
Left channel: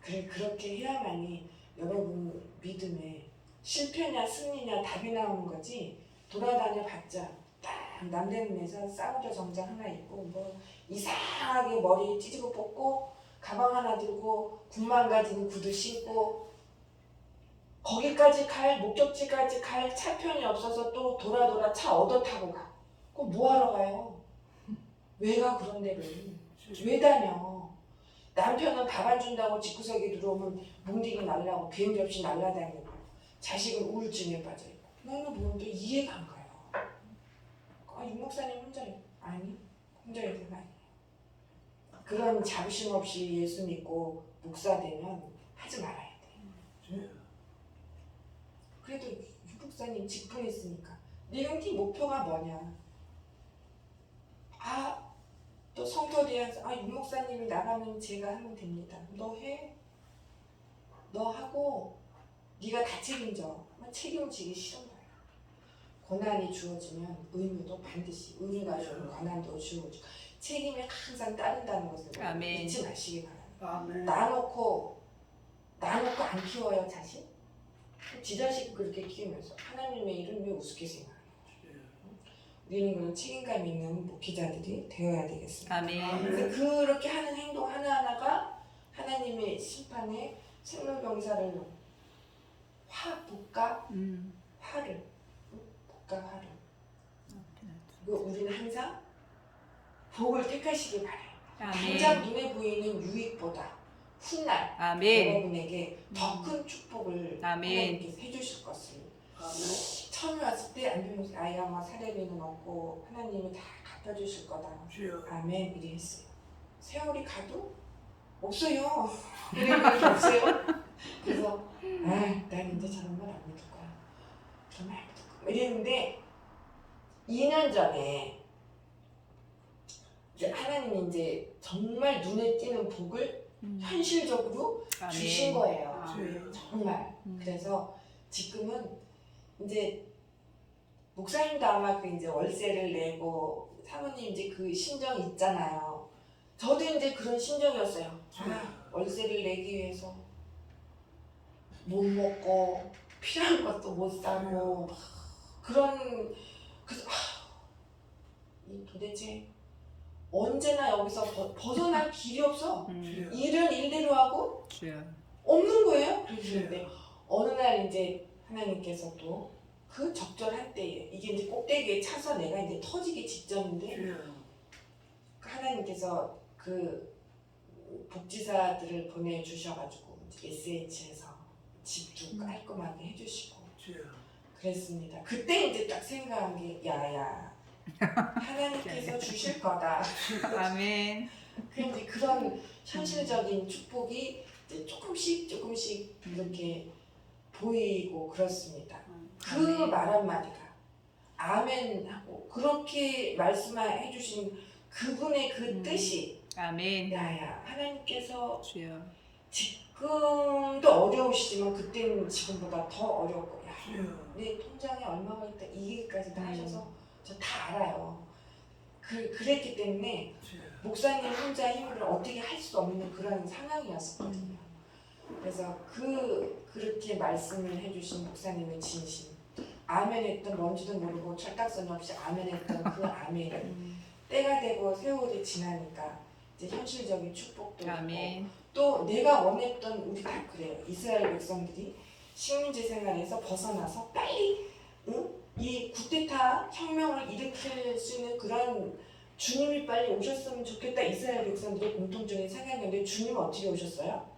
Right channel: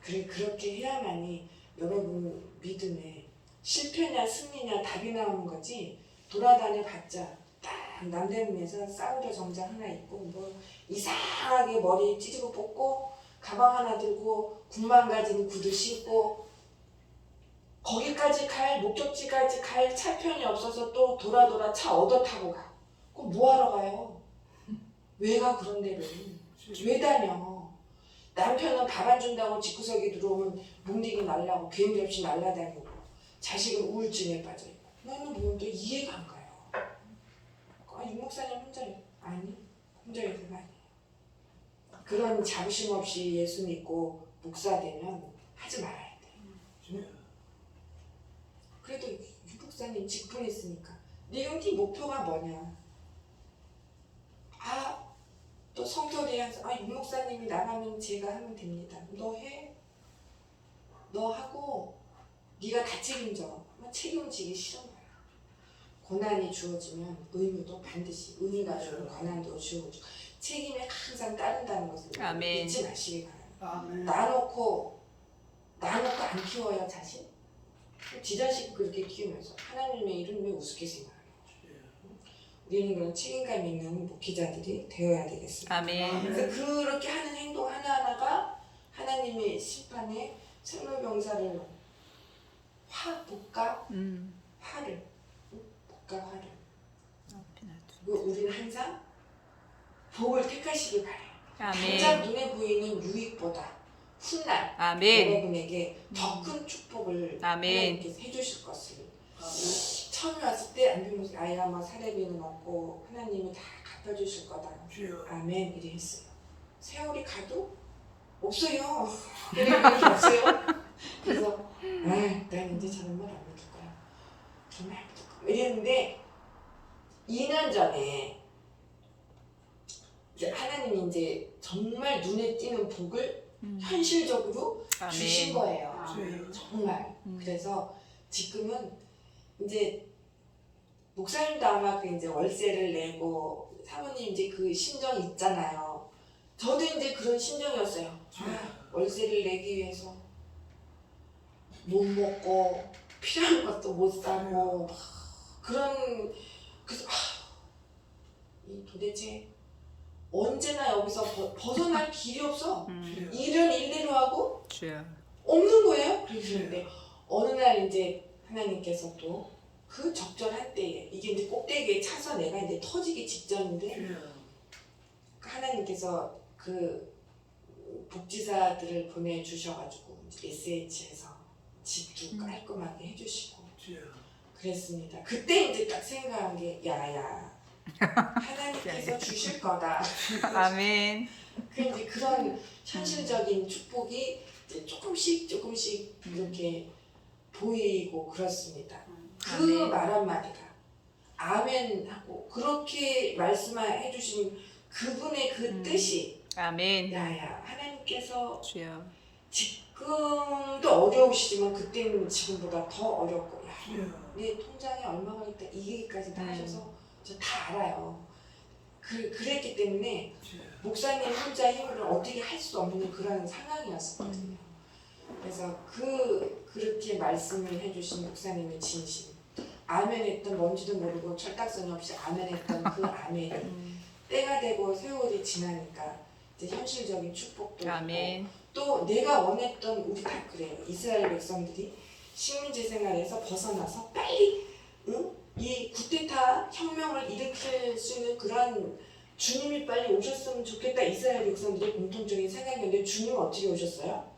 그래 그렇게 해야만이 여러분 믿음에 실패냐 승리냐 답이 나오는 거지. 돌아다녀 봤자 딱 남대문에서 싸우려 정장 하나 입고 뭐 이상하게 머리 찌르고 뽑고 가방 하나 들고 군만 가진 구두 신고 거기까지 갈 목적지까지 갈 차편이 없어서 또 돌아 차 얻어 타고 가. 그거 뭐하러 가요? 왜 가 그런 데를? 왜 다녀? 남편은 밥 안 준다고 집구석에 들어오면 뭉디기 날라고 비행기 없이 날라다니고 자식은 우울증에 빠져있고 나는 뭔데 이해가 안 가요. 아, 유 목사님 혼자요? 아니 혼자여서가 아니에요. 그런 자부심 없이 예수 믿고 목사 되면 하지 말아야 돼. 그래도 유 목사님 직분이 있으니까 내 영티 목표가 뭐냐? 아 또 성도들이한테 유 목사님이 나가면 제가 하면 됩니다. 너 해? 너 하고 네가 다 책임져. 책임지기 싫은 거야. 고난이 주어지면 의무도 반드시 의미가 주는 권한도 주어지고 책임에 항상 따른다는 것을 아멘. 잊지 마시기 바랍니다. 아멘. 나놓고 안 키워요 자식? 지 자식 그렇게 키우면서 하나님의 이름 왜 우습게 생각해요? 우리는 그런 책임감 있는 목회자들이 되어야 되겠습니다. 아멘. 그래서 그렇게 하는 행동 하나하나가 하나님의 심판에 생로병사를 화를 그리고 우리는 항상 복을 택하시기 바래요. 당장 아멘. 눈에 보이는 유익보다 훗날 아멘. 여러분에게 더 큰 축복을 아멘. 하나님께서 해주실 것을 처음에 왔을 때 안병 아이가 뭐 사례비는 없고 하나님이 다 갚아주실 거다. 아멘 이리 했어요. 세월이 가도 없어요. 그런 게 없어요. 그래서 난 이제 저런 말 안 해줄 거야. 저런 말 안 해줄 거야. 이랬는데 2년 전에 이제 하나님이 이제 정말 눈에 띄는 복을 현실적으로 주신 아멘. 거예요. 정말. 그래서 지금은 이제 목사님도 아마 그 이제 월세를 내고 사모님 이제 그 심정이 있잖아요. 저도 이제 그런 심정이었어요. 월세를 내기 위해서 못 먹고 필요한 것도 못 사고 그런 그래서 이 도대체 언제나 여기서 벗어날 길이 없어. 일은 일대로 하고 없는 거예요. 그랬는데 어느 날 이제 하나님께서 또 그 적절한 때에 이게 이제 꼭대기에 차서 내가 이제 터지기 직전인데 하나님께서 그 복지사들을 보내주셔가지고 SH에서 집도 깔끔하게 해주시고 그랬습니다. 그때 이제 딱 생각한 게 야야 하나님께서 주실 거다. 아멘. 근데 그런 현실적인 축복이 이제 조금씩 이렇게 보이고 그렇습니다. 그 아멘. 말 한마디가 아멘 하고 그렇게 말씀해 주신 그분의 그 뜻이 아멘. 야야 하나님께서 주여. 지금도 어려우시지만 그때는 지금보다 더 어렵고 야, 내 통장에 얼마가 있다 이 얘기까지 다 하셔서 저 다 알아요. 그랬기 때문에 목사님 혼자 힘으로 어떻게 할 수 없는 그런 상황이었거든요. 그래서 그렇게 말씀을 해주신 목사님의 진심 아멘했던 뭔지도 모르고 철딱서니 없이 아멘했던 그 아멘이 때가 되고 세월이 지나니까 이제 현실적인 축복도 아멘. 있고 또 내가 원했던 우리 다 그래요. 이스라엘 백성들이 식민지 생활에서 벗어나서 빨리 이 쿠데타 혁명을 일으킬 수 있는 그런 주님이 빨리 오셨으면 좋겠다. 이스라엘 백성들의 공통적인 생각이었는데 주님 어떻게 오셨어요?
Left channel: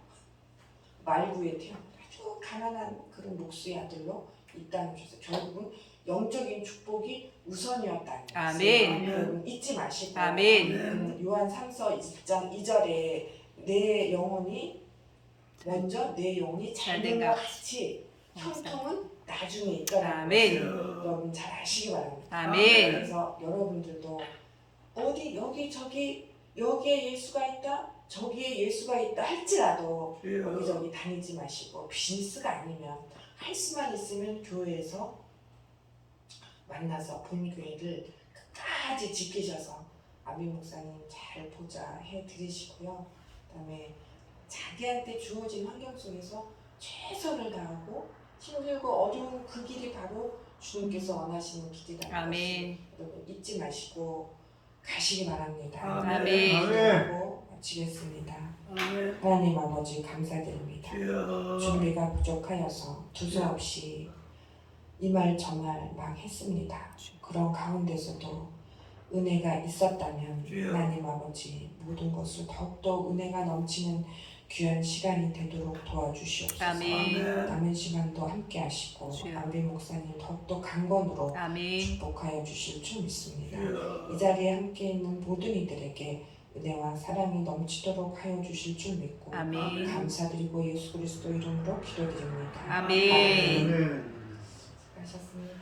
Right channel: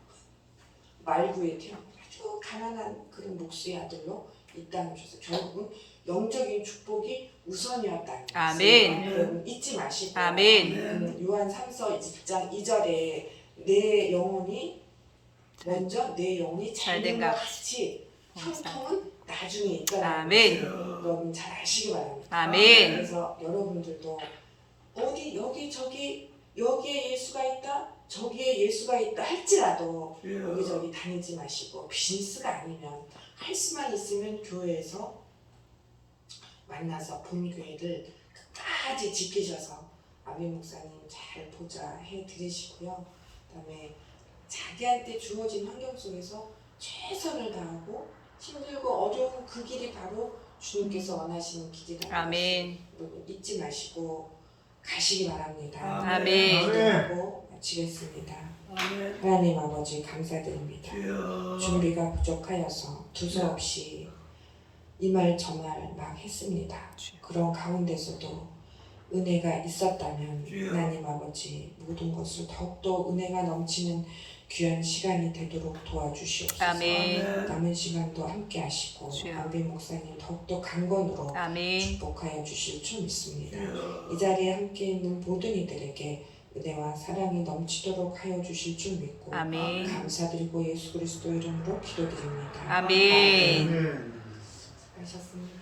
말구에 태어 아주 가난한 그런 목수의 아들로 이 땅에 오셨어요. 결국은 영적인 축복이 우선이었다는 것을 아멘. 여러분 잊지 마시고 아멘. 요한 3서 1장 2절에 내 영혼이 먼저 내 영혼이 잘된 것 같이 형통은 나중에 있더라는 아멘. 것을 여러분 잘 아시기 바랍니다. 아멘. 그래서 여러분들도 어디 여기 저기 여기에 예수가 있다 저기에 예수가 있다 할지라도 여기저기 다니지 마시고 비즈니스가 아니면 할 수만 있으면 교회에서 만나서 본교회를 끝까지 지키셔서 아멘 목사님 잘 보좌 해드리시고요. 그다음에 자기한테 주어진 환경 속에서 최선을 다하고 힘들고 어려운 그 길이 바로 주님께서 원하시는 길이라는 아멘. 것을 여러분 잊지 마시고 가시기 바랍니다. 아멘. 기도하고 마치겠습니다. 아멘. 하나님 아버지 감사드립니다. 주여. 준비가 부족하여서 두서없이 이 말 저 말 막 했습니다. 그런 가운데서도 은혜가 있었다면 주여. 하나님 아버지 모든 것을 더욱더 은혜가 넘치는 귀한 시간이 되도록 도와주시옵소서. 아멘. 남은 시간도 함께 하시고 주여. 아비 목사님 더욱더 강건으로 아멘. 축복하여 주실 줄 믿습니다. 주여. 이 자리에 함께 있는 모든 이들에게 은혜와 사랑이 넘치도록 하여 주실 줄 믿고 아멘. 감사드리고 예수 그리스도 이름으로 기도드립니다. 아멘. 아멘. 하셨습니다.